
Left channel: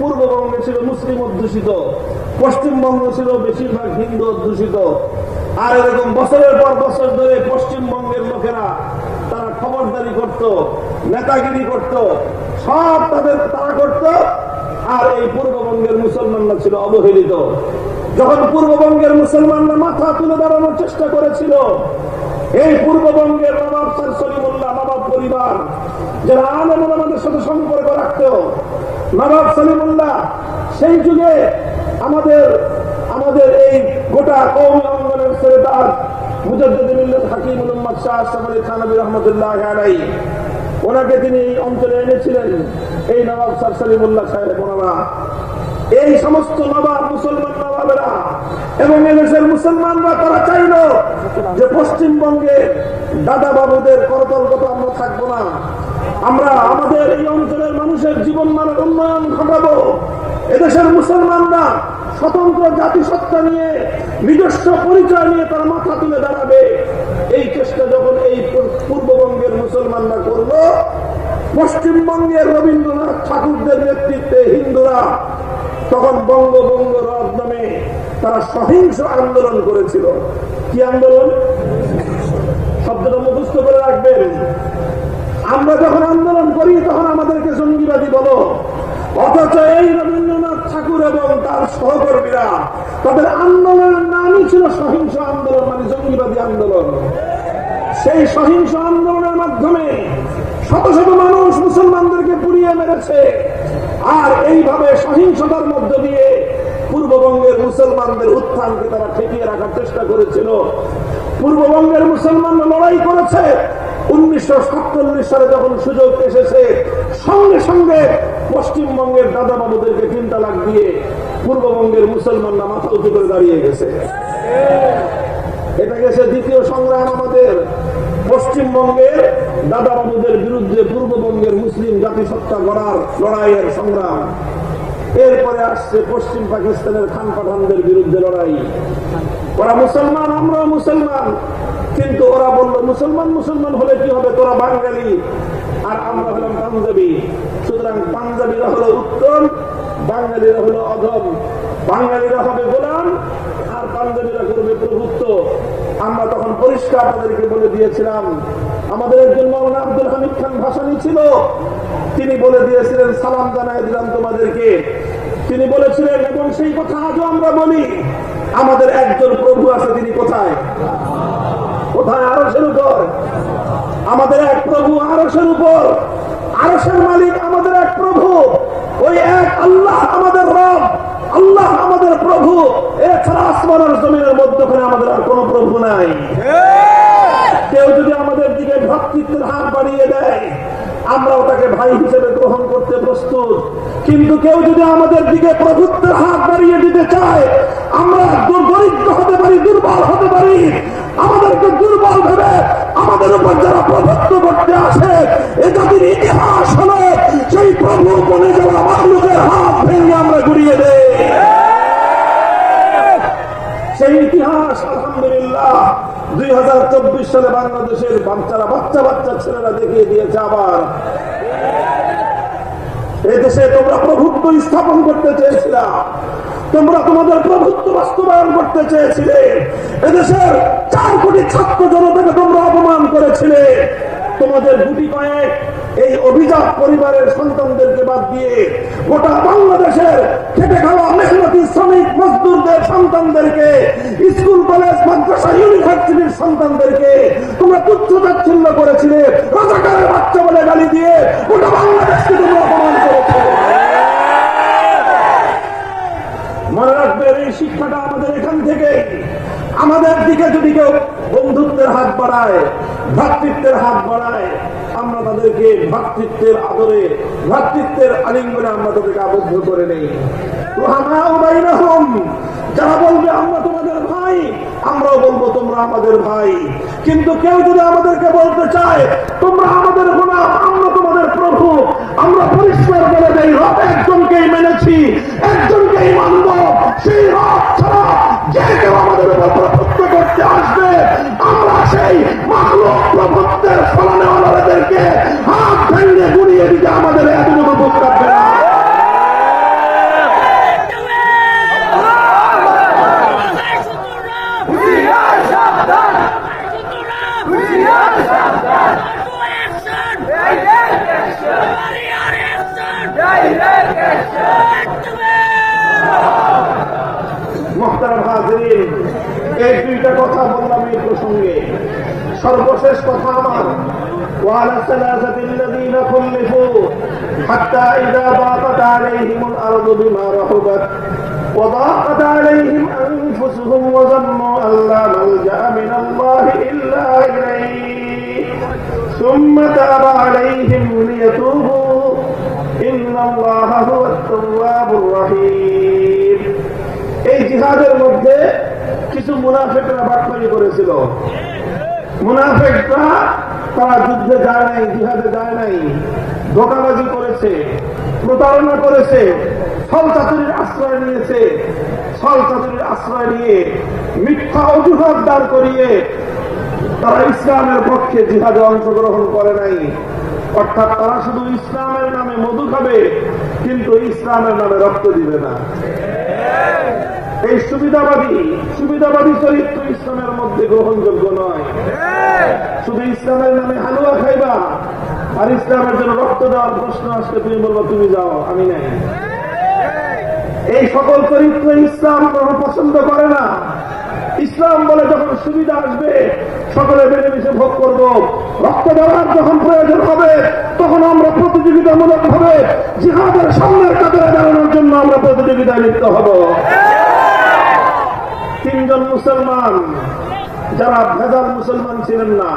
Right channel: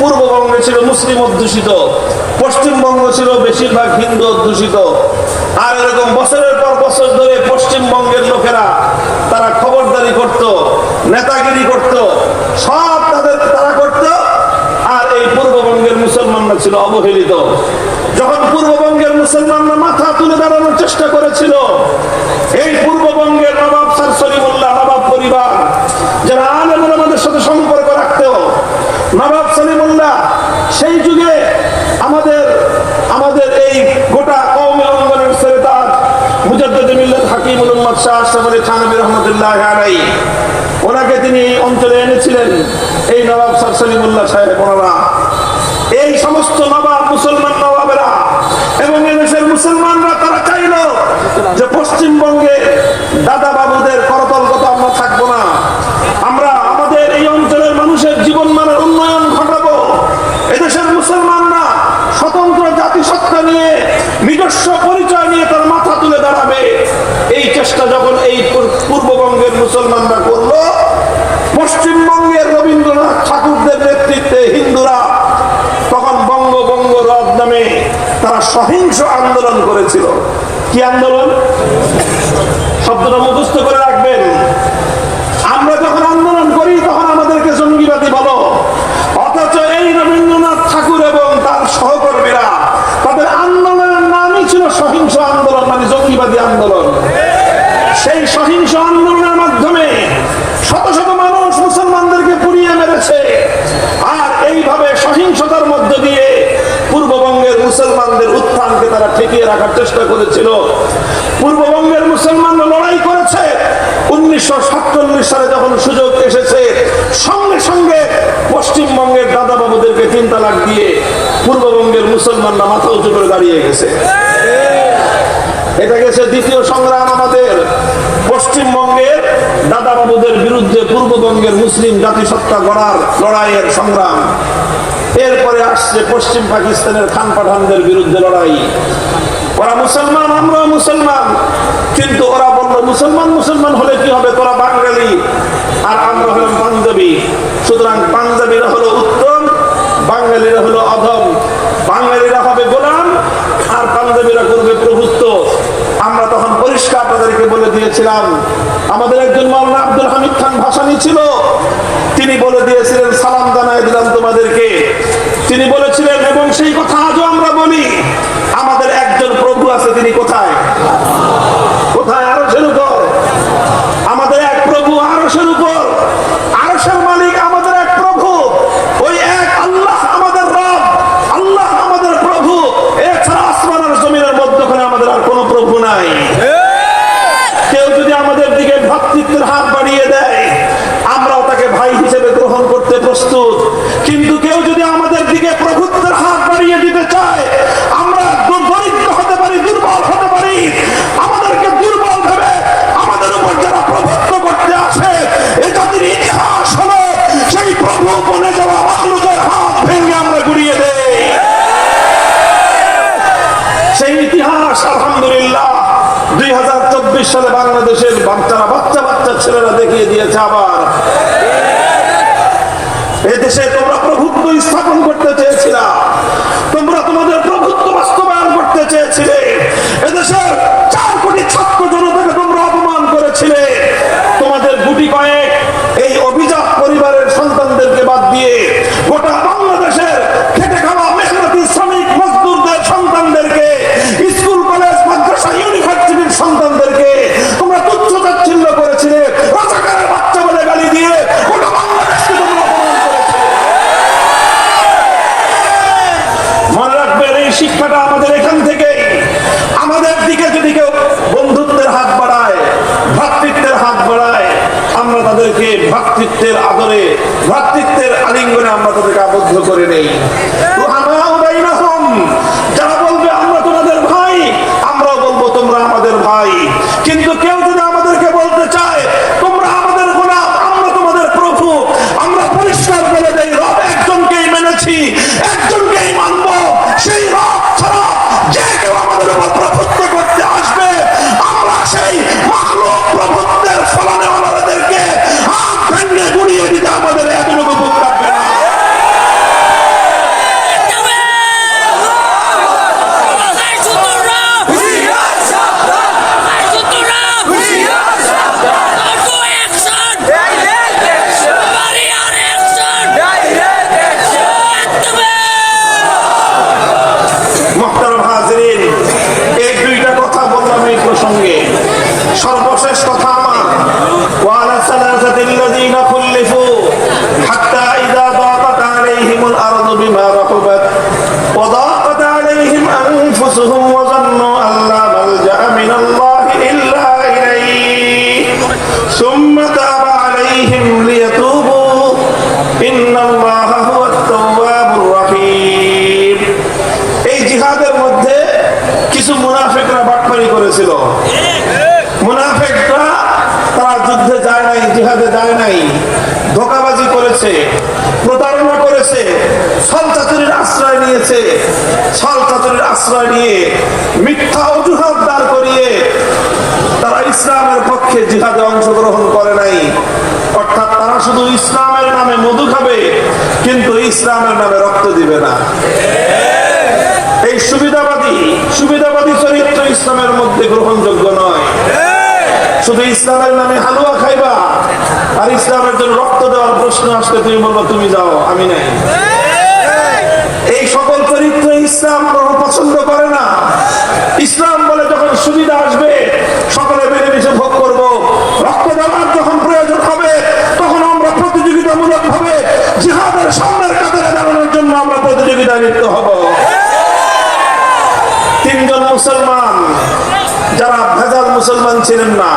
পূর্ববঙ্গে ছিল মুসলিম অধ্যুষিত, পশ্চিমবঙ্গ ছিল বেশিরভাগ হিন্দু অধ্যুষিত। আর এরকম বছরের পর বছর ধরে পশ্চিমবঙ্গের লোকেরা তারা খবরদারি করত, নেতাগিরি করত, সব তারা করত। আর এই পূর্ববঙ্গের মুসলমানরা ছিল অবহেলিত। যখন পূর্ববঙ্গের মুসলমানরা মাথা তুলে দাঁড়ানোর চেষ্টা করেছিল, এই গোটা কওমি অঙ্গনের সেরেতাজ মুজাদ্দিদ মিল্লাত হাকিমুল উম্মাত শাহ আশরাফ আলী থানভী রাহমাতুল্লাহ আলাইহি, ওনাকে তিনি এই অঞ্চলে এনেছিলেন। এই নবাব স্যার সলিমুল্লাহ সাহেব ওনারা, এই সমস্ত নবাব মুসলমান নবাবেরা এবং এদেশের মুসলমানরা তারা চাইল যে পশ্চিমবঙ্গে দাদা বাবুদের করতলগত আমরা থাকবো না, আমরা আমাদের এই অঞ্চলের মানুষের জীবন মানের উন্নয়ন ঘটাবো। এদেশের মুসলমানরা স্বতন্ত্র জাতিসত্তা নিয়ে নিজস্ব পরিচয় নিয়ে তার মাথা তুলে দাঁড়াবে। এই চেষ্টা যখন এই পূর্ববঙ্গের মুসলমানরা করলো, পশ্চিমবঙ্গের রবীন্দ্রনাথ ঠাকুরদের নেতৃত্বে হিন্দুরা তখন বঙ্গবঙ্গ রদ নামে তারা সহিংস আন্দোলন করেছিল। কি আন্দোলন? শব্দটা মুখস্থ করে রাখবেন। আমরা যখন আন্দোলন করি তখন আমাদেরকে জঙ্গিবাদী বলো, অথচ এই রবীন্দ্রনাথ ঠাকুর এবং তার সহকর্মীরা তাদের আন্দোলনের নামই ছিল সহিংস আন্দোলন, মানে জঙ্গিবাদী আন্দোলন। সেই সহিংস আন্দোলনের মাধ্যমে শত শত মানুষ মুসলমানদেরকে পুড়িয়ে মেরেছে, আর এইভাবে সহিংসতার মধ্য দিয়ে পূর্ববঙ্গের মুসলমানদের উত্থানকে তারা ঠেকিয়ে রাখার চেষ্টা করেছিল। পূর্ববঙ্গের মুসলমানরা লড়াই করেছে। 1947 সালে যখন সুযোগ এসেছে, সঙ্গে সঙ্গে পশ্চিমবঙ্গের দাদা বাবুদেরকে 3 তালাক দিয়ে পূর্ববঙ্গের মুসলমানরা মাথা উঁচু করে দাঁড়িয়ে গেছে। এটা গেছে দ্বিতীয় সংগ্রাম আমাদের, পশ্চিমবঙ্গের দাদা বাবুদের বিরুদ্ধে পূর্ববঙ্গের মুসলিম জাতিসত্তা গড়ার লড়াইয়ের সংগ্রাম। এরপরে আসছে পশ্চিম পাকিস্তানের খান পাঠানদের বিরুদ্ধে লড়াই। ওরা মুসলমান, আমরা মুসলমান, কিন্তু ওরা বললো মুসলমান মুসলমান হলে কি হবে, তোরা বাঙালি আর আমরা হলাম পাঞ্জাবি, সুতরাং পাঞ্জাবিরা হলো উত্তম, বাঙালিরা হলো অধম। বাঙালিরা হবে গোলাম আর পাঞ্জাবিরা করবে প্রভুত্ব। আমরা তখন পরিষ্কার তাদেরকে বলে দিয়েছিলাম। আমাদের একজন মাওলানা আব্দুল হামিদ খান ভাসানী ছিল, তিনি বলে দিয়েছিলেন, সালাম জানাই দিলাম তোমাদেরকে। তিনি বলেছিলেন, এবং সেই কথা আজও আমরা বলি, আমাদের একজন প্রভু আছে, তিনি কোথায়? কোথায়? আরশের উপর। আমাদের এক প্রভু আরশের উপর, আরশের মালিক আমাদের এক প্রভু, ওই এক আল্লাহ আমাদের রব, আল্লাহ আমাদের প্রভু। এছাড়া আসমান আর জমিনের মধ্যখানে আমাদের আর কোনো প্রভু নাই। কেউ যদি আমাদের দিকে ভ্রাতৃত্বের হাত বাড়িয়ে দেয়, আমরাও তাকে ভাই হিসেবে গ্রহণ করতে প্রস্তুত, কিন্তু কেউ যদি আমাদের দিকে প্রভুত্বের হাত বাড়িয়ে দিতে চায়, আমরা দরিদ্র হতে পারি, দুর্বল হতে পারি, আমাদেরকে দুর্বল ভেবে আমাদের উপর যারা প্রভুত্ব করতে আসে, এই জাতির ইতিহাস হলো সেই প্রভু বনে যাওয়া মাখলুকের হাত ভেঙে আমরা গুড়িয়ে দেই। সেই ইতিহাস আলহামদুলিল্লাহ 2024 সালে বাংলাদেশের বাচ্চা বাচ্চা ছেলেরা দেখিয়ে দিয়েছে। আবার এদেশে তোমরা প্রভুত্ব স্থাপন করতে চেয়েছিলে, তোমরা তোমাদের প্রভুত্ব বাস্তবায়ন করতে চেয়েছিলে, এদেশের 4 কোটি ছাত্র জনতাকে তোমরা অপমান করেছিলে। তোমাদের গুটি কয়েক এই অভিজাত পরিবারের সন্তানদেরকে বাদ দিয়ে গোটা বাংলাদেশের খেটে খাওয়া মেহনতি শ্রমিক মজদুরদের সন্তানদেরকে, স্কুল কলেজ মাদ্রাসা ইউনিভার্সিটির সন্তানদেরকে তোমরা তুচ্ছ তাচ্ছিল্য করেছিলে, রাজাকারের বাচ্চা বলে গালি দিয়ে গোটা বাংলাদেশকে তোমরা অপমান করেছিলে। মনে রাখবেন, এই শিক্ষাটা আমাদের এখান থেকে। আমাদের দিকে যদি কেউ বন্ধুত্বের হাত বাড়ায়, ভ্রাতৃত্বের হাত বাড়ায়, আমরা তাদেরকে ভ্রাতৃত্বের আদরে, ভ্রাতৃত্বের আলিঙ্গনে আমরা তাদেরকে আবদ্ধ করে নেই। যারা বলবে আমরা তোমাদের ভাই, আমরাও বলবো তোমরা আমাদের ভাই। কিন্তু কেউ যদি আমাদেরকে বলতে চায় তোমরা আমাদের গোলাম, আমরা তোমাদের প্রভু, আমরা পরিষ্কার করে দেই, রব একজনকেই মেনেছি, একজনকেই মানব। সেই রব ছাড়া যে কেউ আমাদের উপর প্রভুত্ব করতে আসবে, আমরা সেই মাখলুক প্রভুত্বের ফলনে আমাদেরকে হাত ভেঙে গুড়িয়ে দিতে আমাদের এতটুকু দুঃখ কাটবে না। সর্বশেষ কথা আমার, ওয়ালা সালাসাতিল্লাযীনা খুল্লিফু হাত্তা ইযা দাকাত আলাইহিমুল আরদু বিমা রাহুবাত ওয়া দাকাত আলাইহিম আনফুসুহুম মুনাফিকরা তারা যুদ্ধে যায় নাই, জিহাদে যায় নাই, ধোঁকাবাজি করেছে, প্রতারণা করেছে, ছলচাতুরির আশ্রয় নিয়েছে। ছলচাতুরির আশ্রয় নিয়ে মিথ্যা অজুহাত দাঁড় করিয়ে তারা ইসলামের পক্ষে জিহাদে অংশগ্রহণ করে নাই। অর্থাৎ তারা শুধু ইসলামের নামে মধু খাবে, কিন্তু ইসলামের নামে রক্ত দিবে না। এই সুবিধাবাদী চরিত্র ইসলামের মধ্যে গ্রহণযোগ্য নয়। শুধু ইসলামের নামে হালুয়া খাইবা আর ইসলামের জন্য রক্ত দেওয়ার প্রশ্ন আসলে তুমি বলবো তুমি যাও, আমি নাই। এই সকল চরিত্র ইসলাম পছন্দ করে না। ইসলাম বলে যখন সুবিধা আসবে সকলে মিলেমিশে ভোগ করব, রক্ত দেওয়ার যখন প্রয়োজন হবে তখন আমরা প্রতিযোগিতামূলক ভাবে জিহাদের সামনের কাতারে দাঁড়ানোর জন্য আমরা প্রতিযোগিতায় লিপ্ত হব। তিনজন মুসলমান যারা ভেজাল মুসলমান ছিলেন না,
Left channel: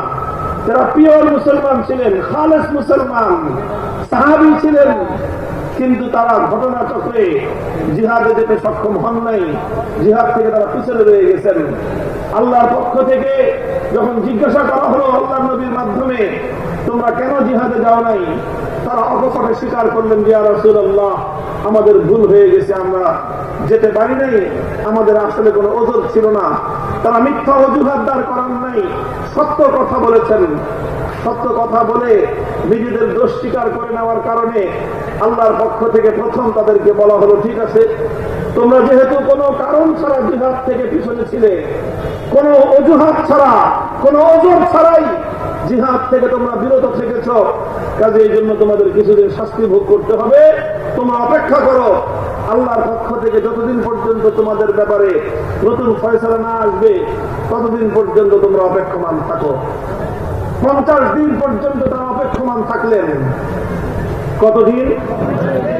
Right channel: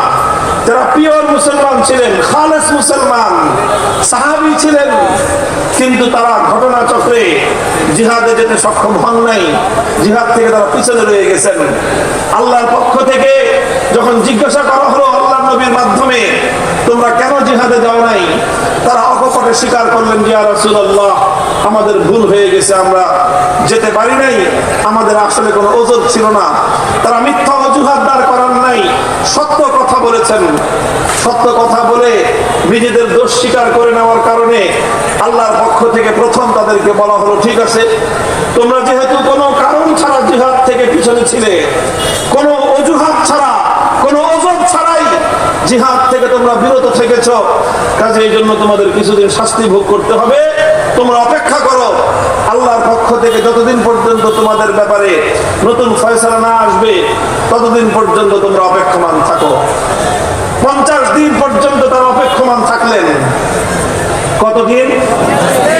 যারা পিওর মুসলমান ছিলেন, খালেস মুসলমান, সাহাবী ছিলেন, কিন্তু তারা ঘটনা চক্রে জিহাদে যেতে সক্ষম হন নাই। জিহাদ থেকে তারা পিছনে রয়ে গেছেন। আল্লাহর পক্ষ থেকে যখন জিজ্ঞাসা করা হলো আল্লাহর নবীর মাধ্যমে, তোমরা কেন জিহাদে যাও নাই, তারা অকপটে স্বীকার করলেন, ইয়া রাসূলুল্লাহ, আমাদের ভুল হয়ে গেছে, আমরা যেতে পারি নাই, আমাদের আসলে কোনো ওজর ছিল না। তারা মিথ্যা অজুহাত দাঁড় করান নাই, সত্য কথা বলেছেন। সত্য কথা বলে নিজেদের দোষ স্বীকার করে নেওয়ার কারণে আল্লাহর পক্ষ থেকে প্রথম তাদেরকে বলা হলো, ঠিক আছে, তোমরা যেহেতু কোনো কারণ ছাড়া জিহাদ থেকে পিছনে ছিলে, কোনো অজুহাত ছাড়া, কোনো ওজর ছাড়াই জিহাদ থেকে তোমরা বিরত থেকেছ, কাজে এই জন্য তোমাদের কিছুদিন শাস্তি ভোগ করতে হবে। তোমরা অপেক্ষা করো, আল্লাহর পক্ষ থেকে যতদিন পর্যন্ত তোমাদের ব্যাপারে নতুন ফয়সালা না আসবে ততদিন পর্যন্ত তোমরা অপেক্ষমান থাকো। 50 দিন পর্যন্ত তারা অপেক্ষমান থাকলেন। কতদিন?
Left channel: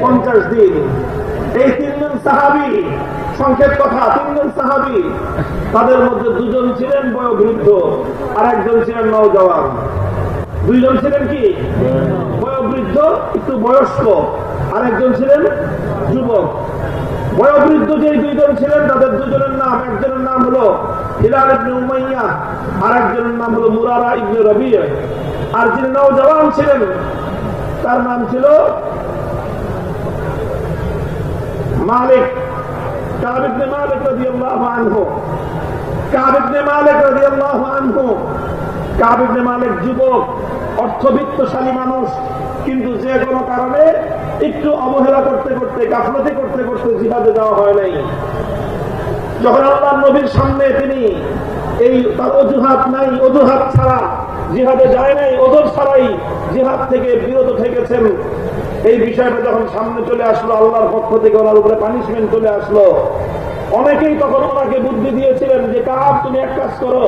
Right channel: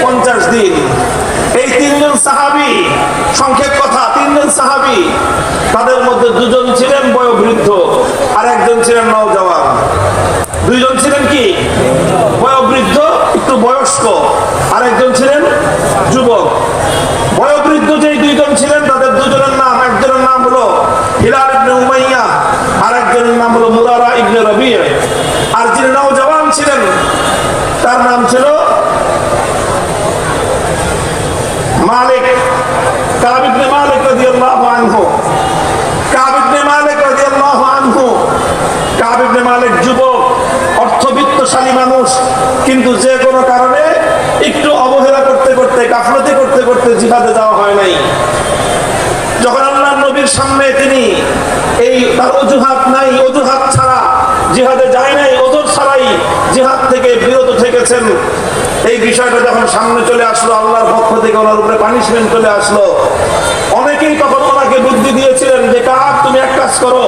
50 দিন। এই তিনজন সাহাবী, সংক্ষেপ কথা, তিনজন সাহাবী, তাদের মধ্যে দুজন ছিলেন বয়োবৃদ্ধ আর একজন ছিলেন নওজওয়ান। দুইজন ছিলেন কি? বয়োবৃদ্ধ, একটু বয়স্ক, আর একজন ছিলেন যুবক। বয়োবৃদ্ধ যে দুইজন ছিলেন তাদের দুজনের নাম, একজনের নাম হলো হিলাল ইবনে উমাইয়া, আর একজনের নাম হলো মুরারা ইবনে রবি'। আর যিনি নওজওয়ান ছিলেন তার নাম ছিল মালিক, কাব ইবনে মালিক রাদিয়াল্লাহু আনহু। কাব ইবনে মালিক রাদিয়াল্লাহু আনহু, কাব ইবনে মালিক যুবক, অর্থবিত্তশালী মানুষ, কিন্তু যে কোনো কারণে একটু অবহেলা করতে করতে, গাফলতি করতে করতে জিহাদে যাওয়া হয় নাই। যখন আল্লাহর নবীর সামনে তিনি এই তার অজুহাত নাই, অজুহাত ছাড়া জিহাদে যায় নাই, ওজর ছাড়াই জিহাদ থেকে বিরত থেকেছেন, এই বিষয়টা যখন সামনে চলে আসলো, আল্লাহর পক্ষ থেকে ওনার উপরে পানিশমেন্ট চলে আসলো। অনেকেই তখন ওনাকে বুদ্ধি দিয়েছিলেন যে, কাব, তুমি এক কাজ করো,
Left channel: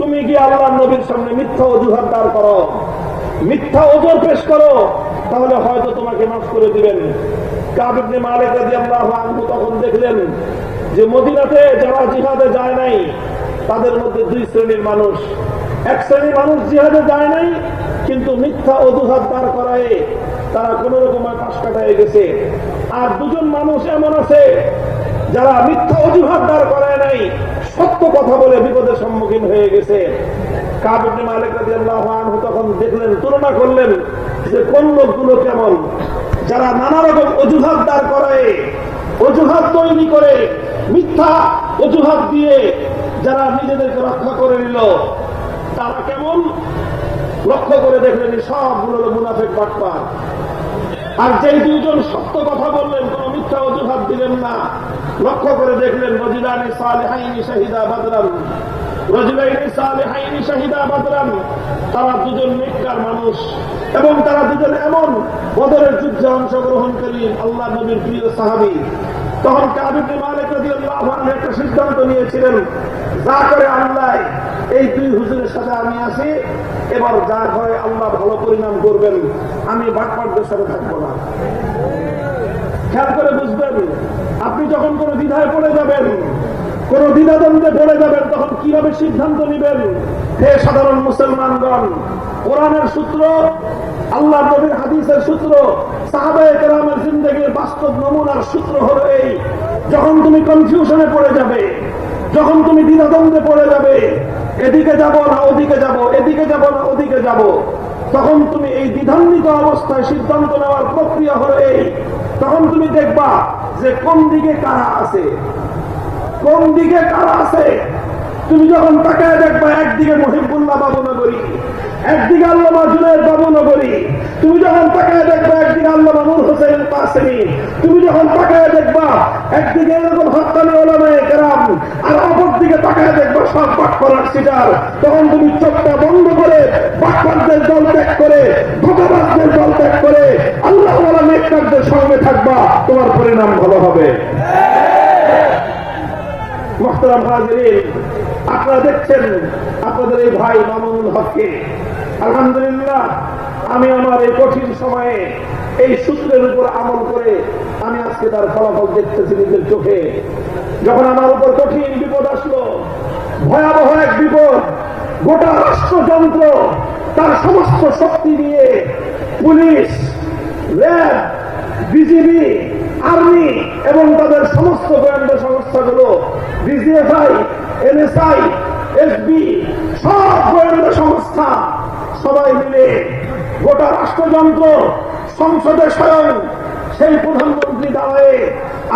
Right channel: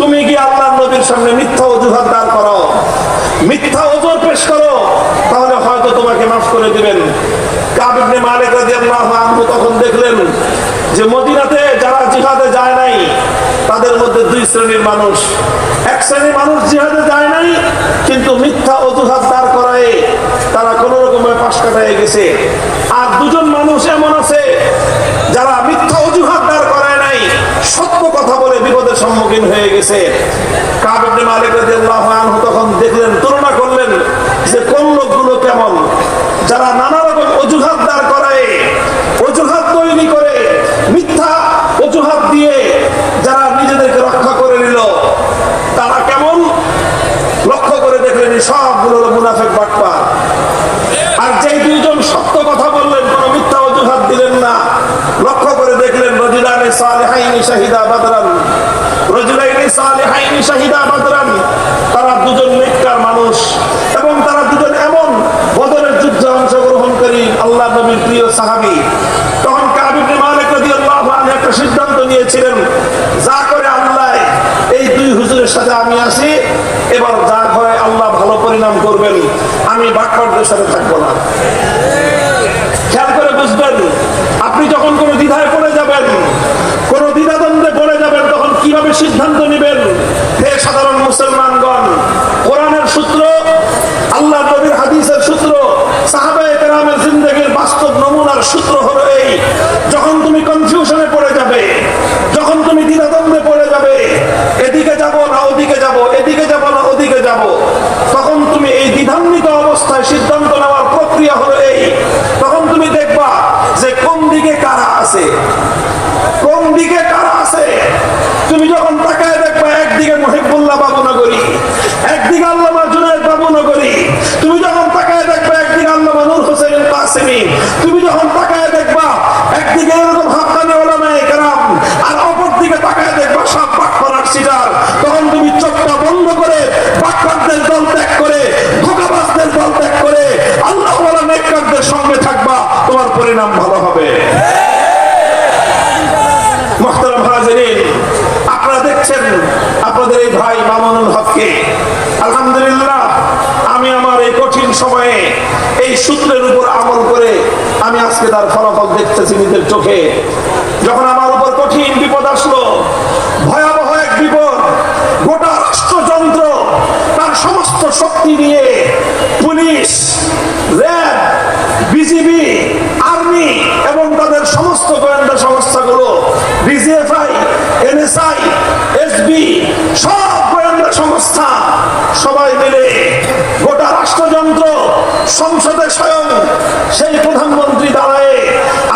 তুমি গিয়ে আল্লাহর নবীর সামনে মিথ্যা অজুহাত দাঁড় করো, মিথ্যা ওজর পেশ করো, তাহলে হয়তো তোমাকে মাফ করে দিবেন। কাব ইবনে মালিক রাদিয়াল্লাহু আনহু তখন দেখলেন যে মদিনাতে যারা জিহাদে যায় নাই তাদের মধ্যে দুই শ্রেণীর মানুষ। এক শ্রেণীর মানুষ জিহাদে যায় নাই কিন্তু মিথ্যা অজুহাত দাঁড় করায় তারা কোন রকমের পাশ কাটায় গেছে। আর দুজন মানুষ এমন আছে যারা মিথ্যা অজুহাত দাঁড় করায় নাই, সত্য কথা বলে বিপদের সম্মুখীন হয়ে গেছে। কাব ইবনে মালিক রাদিয়াল্লাহু আনহু তখন দেখলেন, তুলনা করলেন যে কোন লোকগুলো কেমন, যারা নানা রকম অজুহাত দাঁড় করায়, অজুহাত তৈরি করে, মিথ্যা অজুহাত দিয়ে যারা নিজেদেরকে রক্ষা করে নিল, তারা কেমন লক্ষ্য করে দেখলেন সবগুলো হলো মুনাফিক বাটপার। আর যেই দুইজন সত্য কথা বললেন, কোন মিথ্যা অজুহাত দিলেন না, লক্ষ্য করে দেখলেন রজুলানে সালিহাইনি শাহিদা বাদরান, রজুলাইনি সালিহাইনি শাহিদা বাদরান, তারা দুজন নেককার মানুষ এবং তারা দুজন এমন বদরের যুদ্ধে অংশগ্রহণকারী আল্লাহ নবীর প্রিয় সাহাবী। তখন কাব ইবনে মালিক রাদিয়াল্লাহু আনহু একটা সিদ্ধান্ত নিয়েছিলেন, যা করে আল্লাহ, এই দুই হুজুরের সাথে আমি আছি, এবার যা হয় আল্লাহ ভালো পরিণাম করবেন, আমি বাটপারদের সাথে থাকবো না। খেয়াল করে বুঝবেন, আপনি যখন কোনো দ্বিধায় পড়ে যাবেন, কোনো দ্বিধাদ্বন্দ্বে পড়ে যাবেন, তখন কিভাবে সিদ্ধান্ত নেবেন? হে সাধারণ মুসলমানগণ, কোরআনের সূত্র, আল্লাহ নবীর হাদিসের সূত্র, সাহাবায়ে কেরামের জিন্দেগীর বাস্তব নমুনার সূত্র হলো এই, যখন তুমি কনফিউশনে পড়ে যাবে, যখন তুমি দ্বিধাদ্বন্দ্বে পড়ে যাবে, এদিকে যাব না ওদিকে যাব, তুমি যখন তাকায় দেখবে একদিকে মুহিবুল্লাহ বাবুনগরী, একদিকে আল্লামা জুনায়েদ বাবুনগরী, তুমি যখন তাকায় দেখবে একদিকে আল্লামা নূর হোসেন কাসেমী, তুমি যখন তাকায় দেখবা একদিকে এরকম হাক্কানি উলামায়ে কেরাম, আর অপর দিকে তাকায় দেখবা সব বাটপাড়ার সিটার, তখন তুমি চোখটা বন্ধ করে বাটপারদের দল ত্যাগ করে ধোঁকাবাজদের দল ত্যাগ করে আল্লাহ ওয়ালা নেককারদের সঙ্গে থাকবা, তোমার পরিণাম ভালো হবে। মুহতারাম হাজিরিন, আপনারা দেখছেন আপনাদের এই ভাই মামুনুল হককে, আলহামদুলিল্লাহ আমি আমার এই কঠিন সময়ে এই সূত্রের উপর আমল করে আমি আজকে তার ফলাফল দেখতেছি নিজের চোখে। যখন আমার উপর কঠিন বিপদ আসলো, ভয়াবহ এক বিপদ, গোটা রাষ্ট্রযন্ত্র তার সমস্ত শক্তি নিয়ে পুলিশ, র্যাব, বিজিবি, আর্মি এবং তাদের সমস্ত গোয়েন্দা সংস্থাগুলো, ডিজিএফআই, এনএসআই, এসবি, সব গোয়েন্দা সংস্থা সবাই মিলে গোটা রাষ্ট্রযন্ত্র, সংসদে স্বয়ং সেই প্রধানমন্ত্রী দাঁড়ায়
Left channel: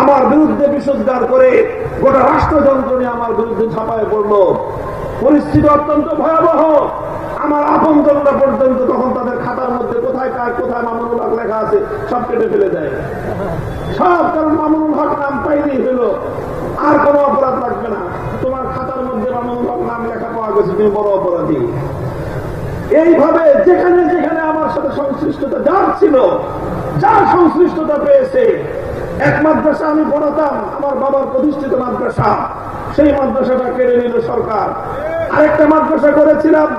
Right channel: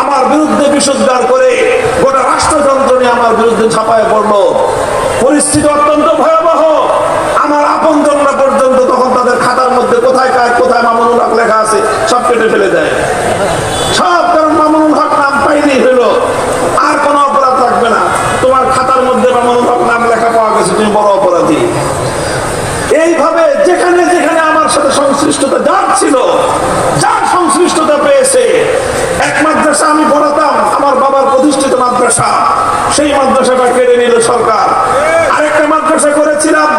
আমার বিরুদ্ধে বিষোদ্গার করে গোটা রাষ্ট্রযন্ত্র নিয়ে আমার বিরুদ্ধে ঝাঁপায় পড়লো। পরিস্থিতি অত্যন্ত ভয়াবহ। আমার আপনজনরা পর্যন্ত তখন তাদের খাতার মধ্যে কোথায় কার কোথায় মামুনুল হক লেখা আছে সব কেটে ফেলে দেয়, সব, কারণ মামুনুল হক নাম পাইলেই হলো আর কোনো অপরাধ রাখবে না, তোমার খাতার মধ্যে মামুনুল হক নাম লেখা পাওয়া গেছে, তুমি বড় অপরাধী। এইভাবে যেখানে যেখানে আমার সাথে সংশ্লিষ্টতা যার ছিল, যার সংশ্লিষ্টতা পেয়েছে, এক মাদ্রাসা আমি পড়াতাম, আমার বাবার প্রতিষ্ঠিত মাদ্রাসা, সেই মাদ্রাসাটা কেড়ে নিল সরকার। আরেকটা মাদ্রাসা করেছিলাম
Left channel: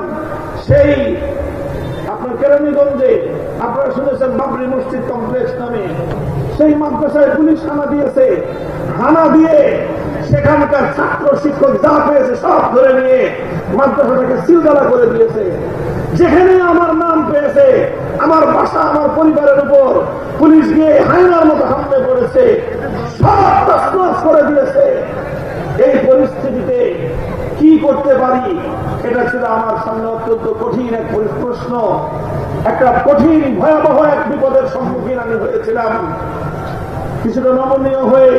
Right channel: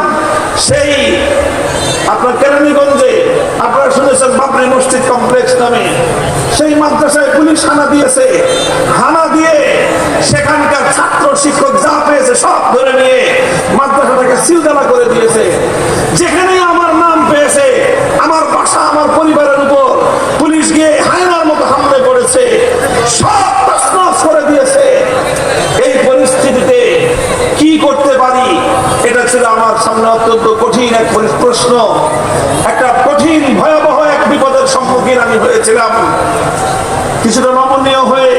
সেই আপনার কেরানীগঞ্জে, আপনারা শুনেছেন বাবরি মসজিদ কমপ্লেক্স নামে, সেই মাদ্রাসায় পুলিশ হানা দিয়েছে। হানা দিয়ে সেখানকার ছাত্র শিক্ষক যা পেয়েছে সব ধরে নিয়ে মাদ্রাসাটাকে সিলগালা করে দিয়েছে। যেখানে আমার নাম পেয়েছে, আমার বাসা, আমার পরিবারের উপর পুলিশ গিয়ে হায়নার মতো হামলে পড়েছে, সব তছনছ করে দিয়েছে। এই পরিস্থিতিতে কি করতে পারি, এটা ছিল আমার সামনে অত্যন্ত কঠিন এক প্রশ্ন। একটা কঠিন ভয়াবহ এক বিপদের সম্মুখীন আমি হয়েছিলাম। কিছুটা নমনীয় হয়ে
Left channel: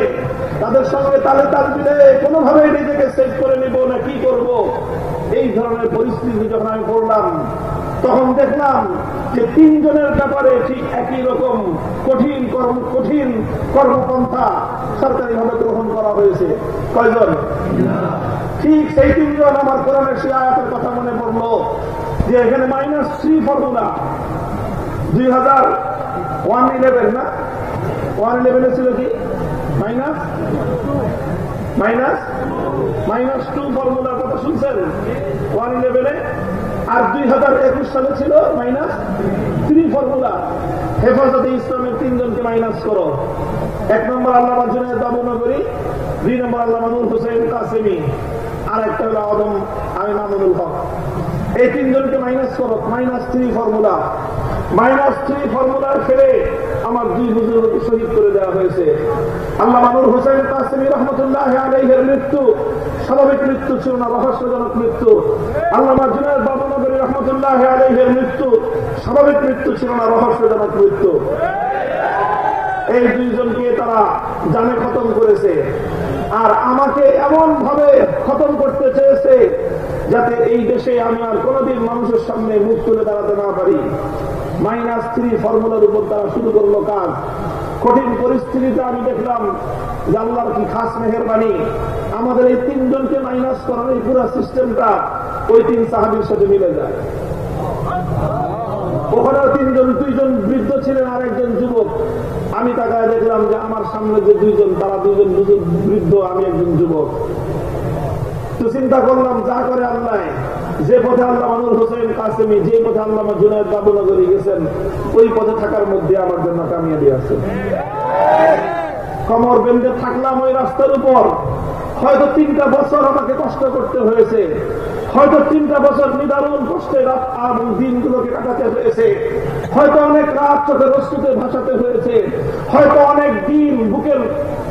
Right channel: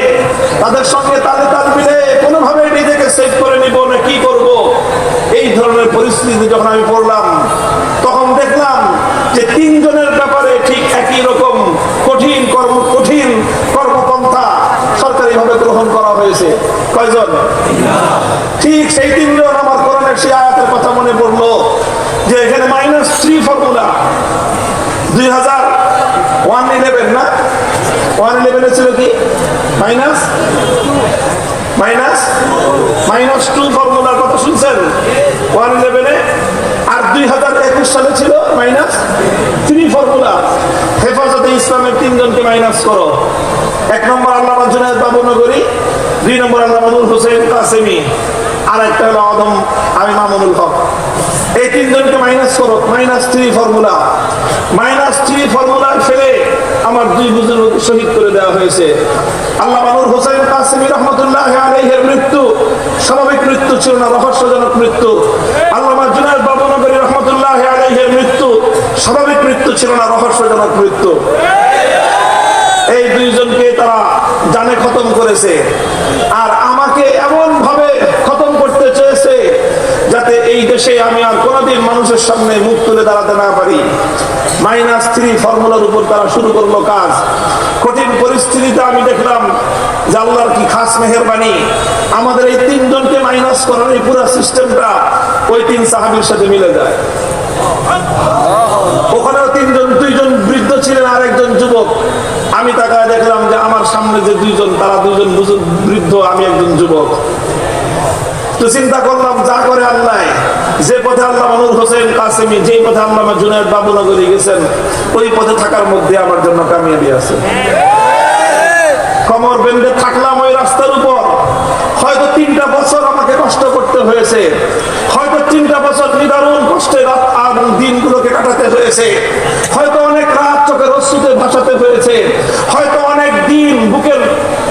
তাদের সঙ্গে তালে তাল মিলে কোনোভাবে নিজেকে সেভ করে নিব না কি করব, এই ধরনের পরিস্থিতি যখন আমি পড়লাম, তখন দেখলাম যে তিনজনের ব্যাপারে ঠিক একই রকম কঠিন কর্মপন্থা সরকারিভাবে গ্রহণ করা হয়েছে। কয়জন? ঠিক সেই তিনজন। আমার কোরআনের সেই আয়াতের কথা মনে পড়লো যে এখানে -3 ফর্মুলা 2011 না 111 ছিল কি -2 ফর্মুলার কথা শুনছেন 111-এ, আর 2021 সালে ছিল -3 ফর্মুলা। হেফাজতে ইসলামের তিনজনকে মাইনাস করো। 1 নম্বর আল্লামা জুনায়েদ বাবুনগরী, 2 নম্বর আল্লামা নূর হোসেন কাসেমী, আর একটা হলো আমি মামুনুল হক। এই তিনজনকে মাইনাস করো, -3 ফর্মুলা। -3 ফর্মুলা ফেলে আমার 2 বুজুর্গ শহীদ করে দেওয়া হয়েছে। আল্লামা নূর হোসেন কাসেমী রহমতুল্লাহ আলাইহির মৃত্যু স্বাভাবিক মৃত্যু ছিল না, রহস্যজনক মৃত্যু। আল্লামা জুনায়েদ বাবুনগরী রহমতুল্লাহ আলাইহির মৃত্যু স্বাভাবিক মৃত্যু ছিল না, রহস্যজনক মৃত্যু। এই দুইজনকে তারা জানে খতম করেছে, আর আমাকে এমন ভাবে খতম করতে চেয়েছে যাতে এই দেশে আমি আর কোনোদিন মানুষের সামনে মুখ তুলে দাঁড়াতে না পারি। -3 ফর্মুলার উপর তারা শুরু করলো কাজ। কঠিন পরিস্থিতিতে আমি দেখলাম যে আল্লাহর কি খাস মেহেরবানি, আমাদের এই তিনজনকে মাইনাস করার এই পুরো সিস্টেমটা ওই 3 সাহাবীর সাথে মিলে যায়। ওখানেও 2জন বৃদ্ধ ছিলেন আর একজন যুবক। আমি তাকায় দেখলাম যে আমার সামনে যে 2জন, তারা 2জন বৃদ্ধ, আমি একজন যুবক। তো চিন্তা করলাম যা করে আল্লাহ, যে পথে আল্লামা নূর হোসেন কাসেমী, যে পথে আল্লামা জুনায়েদ বাবুনগরী গেছেন, ওই পথে থাকার মধ্যে আমার জন্য কামিয়াবি আছে। কোমর বেঁধে থাকলাম ওই রাস্তার উপর। হয়তো 3টা বছর আমাকে কষ্ট করতে হয়েছে, হয়তো 3টা বছর নিদারুণ কষ্টে রাত আর দিনগুলোকে কাটাতে হয়েছে, হয়তো অনেক রাত চোখের অশ্রুতে ভাসাতে হয়েছে, হয়তো অনেক দিন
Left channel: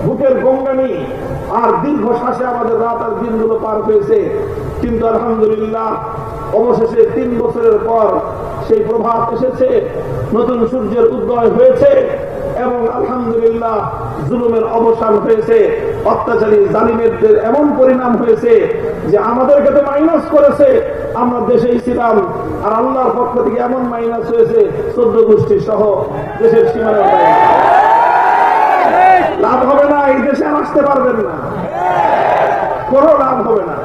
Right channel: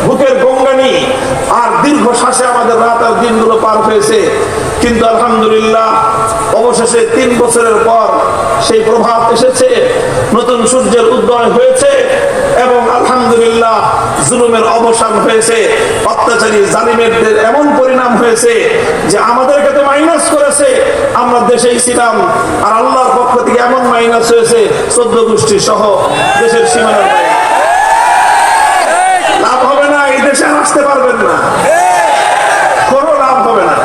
বুকের গঙ্গানি আর দীর্ঘ শ্বাসে আমাদের রাত আর দিনগুলো পার হয়েছে। কিন্তু আলহামদুলিল্লাহ অবশেষে 3 বছরের পর সেই প্রভাত এসেছে, নতুন সূর্যের উদয় হয়েছে এবং আলহামদুলিল্লাহ জুলুমের অবসান হয়েছে, অত্যাচারী জালিমের এমন পরিণাম হয়েছে যে আমাদেরকে তো মাইনাস করেছে, আমরা দেশেই ছিলাম, আর আল্লাহর পক্ষ থেকে এমন মাইনাস হয়েছে 14 গোষ্ঠী সহ দেশের সীমানা। লাভ হবে না, এই দেশে আসতে পারবেন না, কোনো লাভ হবে না।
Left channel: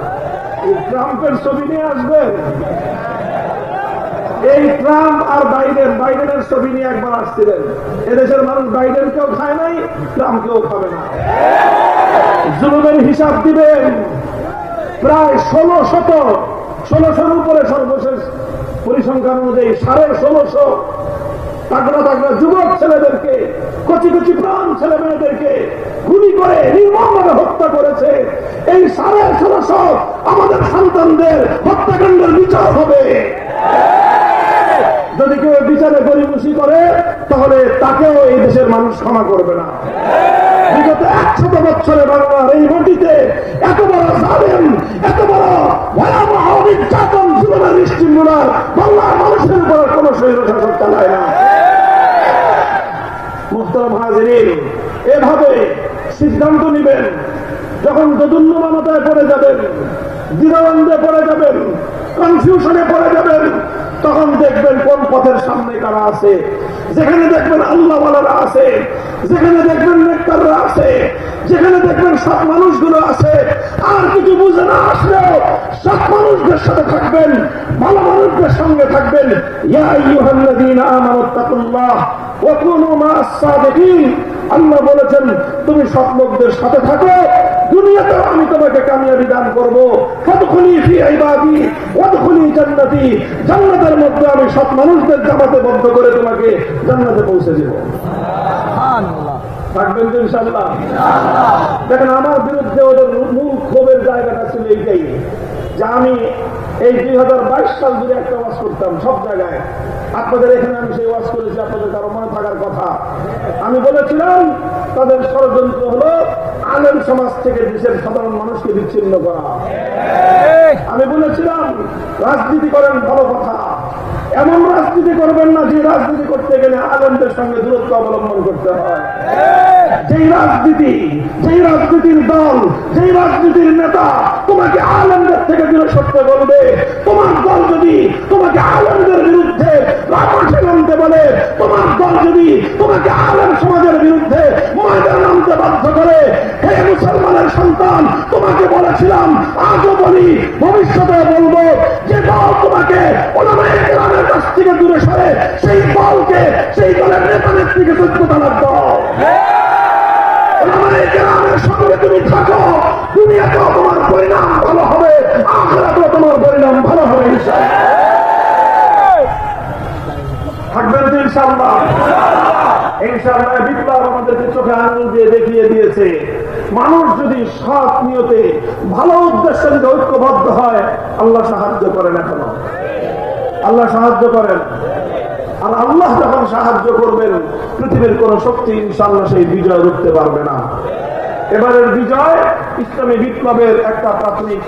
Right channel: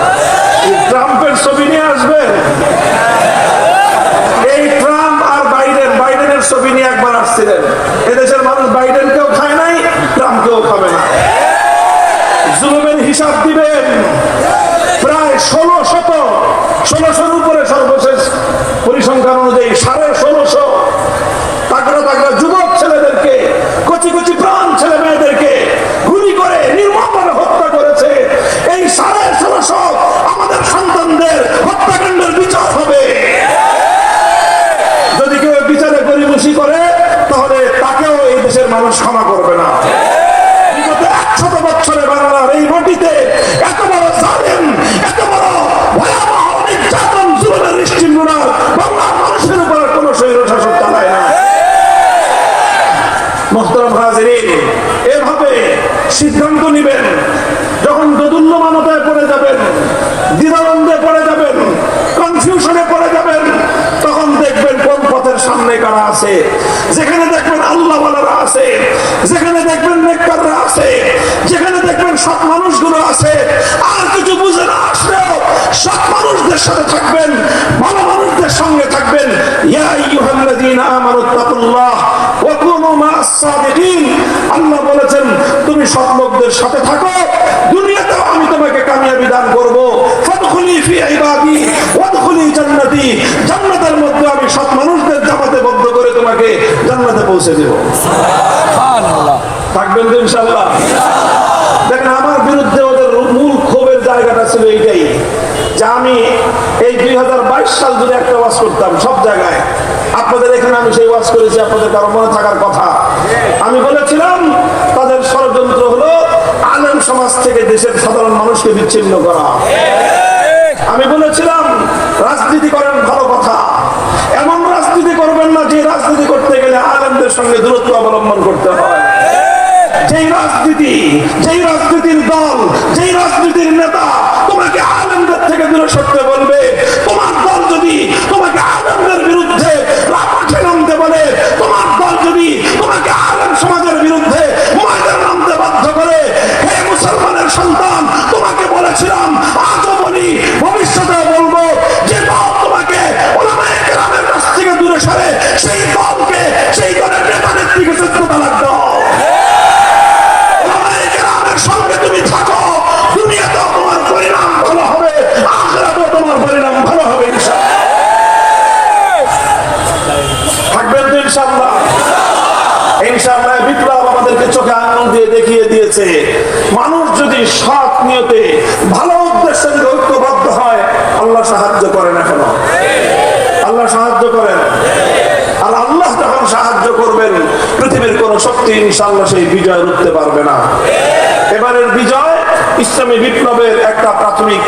ট্রাম্পের ছবি নিয়ে আসবেন, এই ট্রাম্প আর বাইডেনের ছবি নিয়ে একবার আসছিলেন, এদেশের মানুষ বাইডেনকেও খায় নাই, ট্রাম্পকেও খাবে না। জুলুমের হিসাব দিবেন। প্রায় 1600 উপরে সর্বশেষ পরিসংখ্যান অনুযায়ী 1650 তাগড়া তাগড়া যুবক ছেলেদেরকে, কচি কচি প্রাণ ছেলে মেয়েদেরকে গুলি করে নির্মমভাবে হত্যা করেছে। এই 1650 আমাদের সন্তানদের হত্যাকাণ্ডের বিচার হবে। যদি কেউ বিচারে গরিবসি করে তাহলে তাকেও এই দেশের মানুষ ক্ষমা করবে না। বিগত 100 বছরে বাংলার এই মাটিতে এত বড় জালেম, এত বড় ভয়াবহ নির্যাতন জুলুমের নিষ্ঠুর বাংলার মানুষের উপর কোন স্বৈরশাসক চালায় না। মুহতারাম হাজিরিন, এভাবে সিদ্ধান্ত নিবেন। যখন দোদুল্যমানতায় পড়ে যাবেন, দ্বিধাদ্বন্দ্বে পড়ে যাবেন, কনফিউশনে পড়ে যাবেন, তখন দেখবেন কোন পথের সামনে কারা আছে। যেখানে দেখবেন আল্লাহওয়ালারা আছে, যেখানে দেখবেন নেককাররা আছে, যেখানে দেখবেন সৎ মানুষগুলো আছে, আর কিছু বুঝে না আসলেও সৎ মানুষদের সাথে থাকবেন, ভালো মানুষদের সঙ্গে থাকবেন। ইয়া আইয়ুহাল্লাযীনা আমানুত্তাকুল্লাহ ওয়া কুনু মা'আস সাদিকিন। আল্লাহ বলেছেন তুমি সৎ লোকদের সাথে থাকো, দুনিয়াতেও আমি তোমাকে কামিয়াবি দান করব। ফাদখুলি ফি ইবাদি ওয়াদখুলি জান্নাতি। জান্নাতের মধ্যে আমি সৎ মানুষদের জামাতে বদ্ধ করে তোমাকে জান্নাতে পৌঁছে দেব। সুবহানাল্লাহ। থাকবেন তো ইনশাআল্লাহ? দেখেন, আমার বিরুদ্ধে ওদের মূল ক্ষোভের জায়গাটা ছিল এইটাই যে আমি এই 2022 সাল যদি একটা ওয়াজ করতাম সব জায়গায়, আপনাদের এখানে আমি সেই ওয়াজ করেছি, আপনাদের কারো মনে থাকার কথা। আমি বলেছিলাম তাদের ষড়যন্ত্র হলো আলেম সমাজ থেকে দেশের সাধারণ মানুষকে বিচ্ছিন্ন করা। আমি বলেছিলাম রাজনীতি করেন, ভালো কথা, এমন রাজনীতি করবেন না যে রাজনীতি করতে গেলে আলেমদের সঙ্গে দূরত্ব অবলম্বন করতে হয়। যেই রাজনীতির দল, যেই রাজনীতির নেতা তোমাকে আলেমদের থেকে দূরে সরতে বলবে, তোমার দল যদি তোমাকে আলেমদের বিরুদ্ধে রাজপথে নামতে বলে, তোমার দল যদি তোমাকে আলেম সমাজের বিরুদ্ধে ময়দানে নামতে বাধ্য করে, হে মুসলমানের সন্তান, তোমাকে বলেছিলাম, আজও বলি, ভবিষ্যতে বলবো, যে দল তোমাকে উলামায়ে কেরামের কাছ থেকে দূরে সরে, সেই দলকে, সেই দলের নেতা নেত্রীকে চিন্তা লাগতো। সঙ্গে তুমি থাকো, দুনিয়াতেও তোমার পরিণাম ভালো হবে, আখিরাতেও তোমার পরিণাম ভালো হবে ইনশাআল্লাহ। থাকবেন তো ইনশাআল্লাহ? ইনশাআল্লাহ। বিপ্লব আমাদেরকে চোখে আঙুল দিয়ে দেখিয়ে দিয়েছে, মানুষ যদি সৎ নিয়তে ভালো উদ্দেশ্যে যদি ঐক্যবদ্ধ হয়, আল্লাহ সাহায্য করেন। এখনো আল্লাহ সাহায্য করেন। আর আল্লাহ যখন সাহায্য করবেন, পৃথিবীর কোন শক্তি ইনশাআল্লাহ সেই বিজয় রুখতে পারবে না। এবারের বিজয় ইসলামী বিপ্লবের একটা প্রাথমিক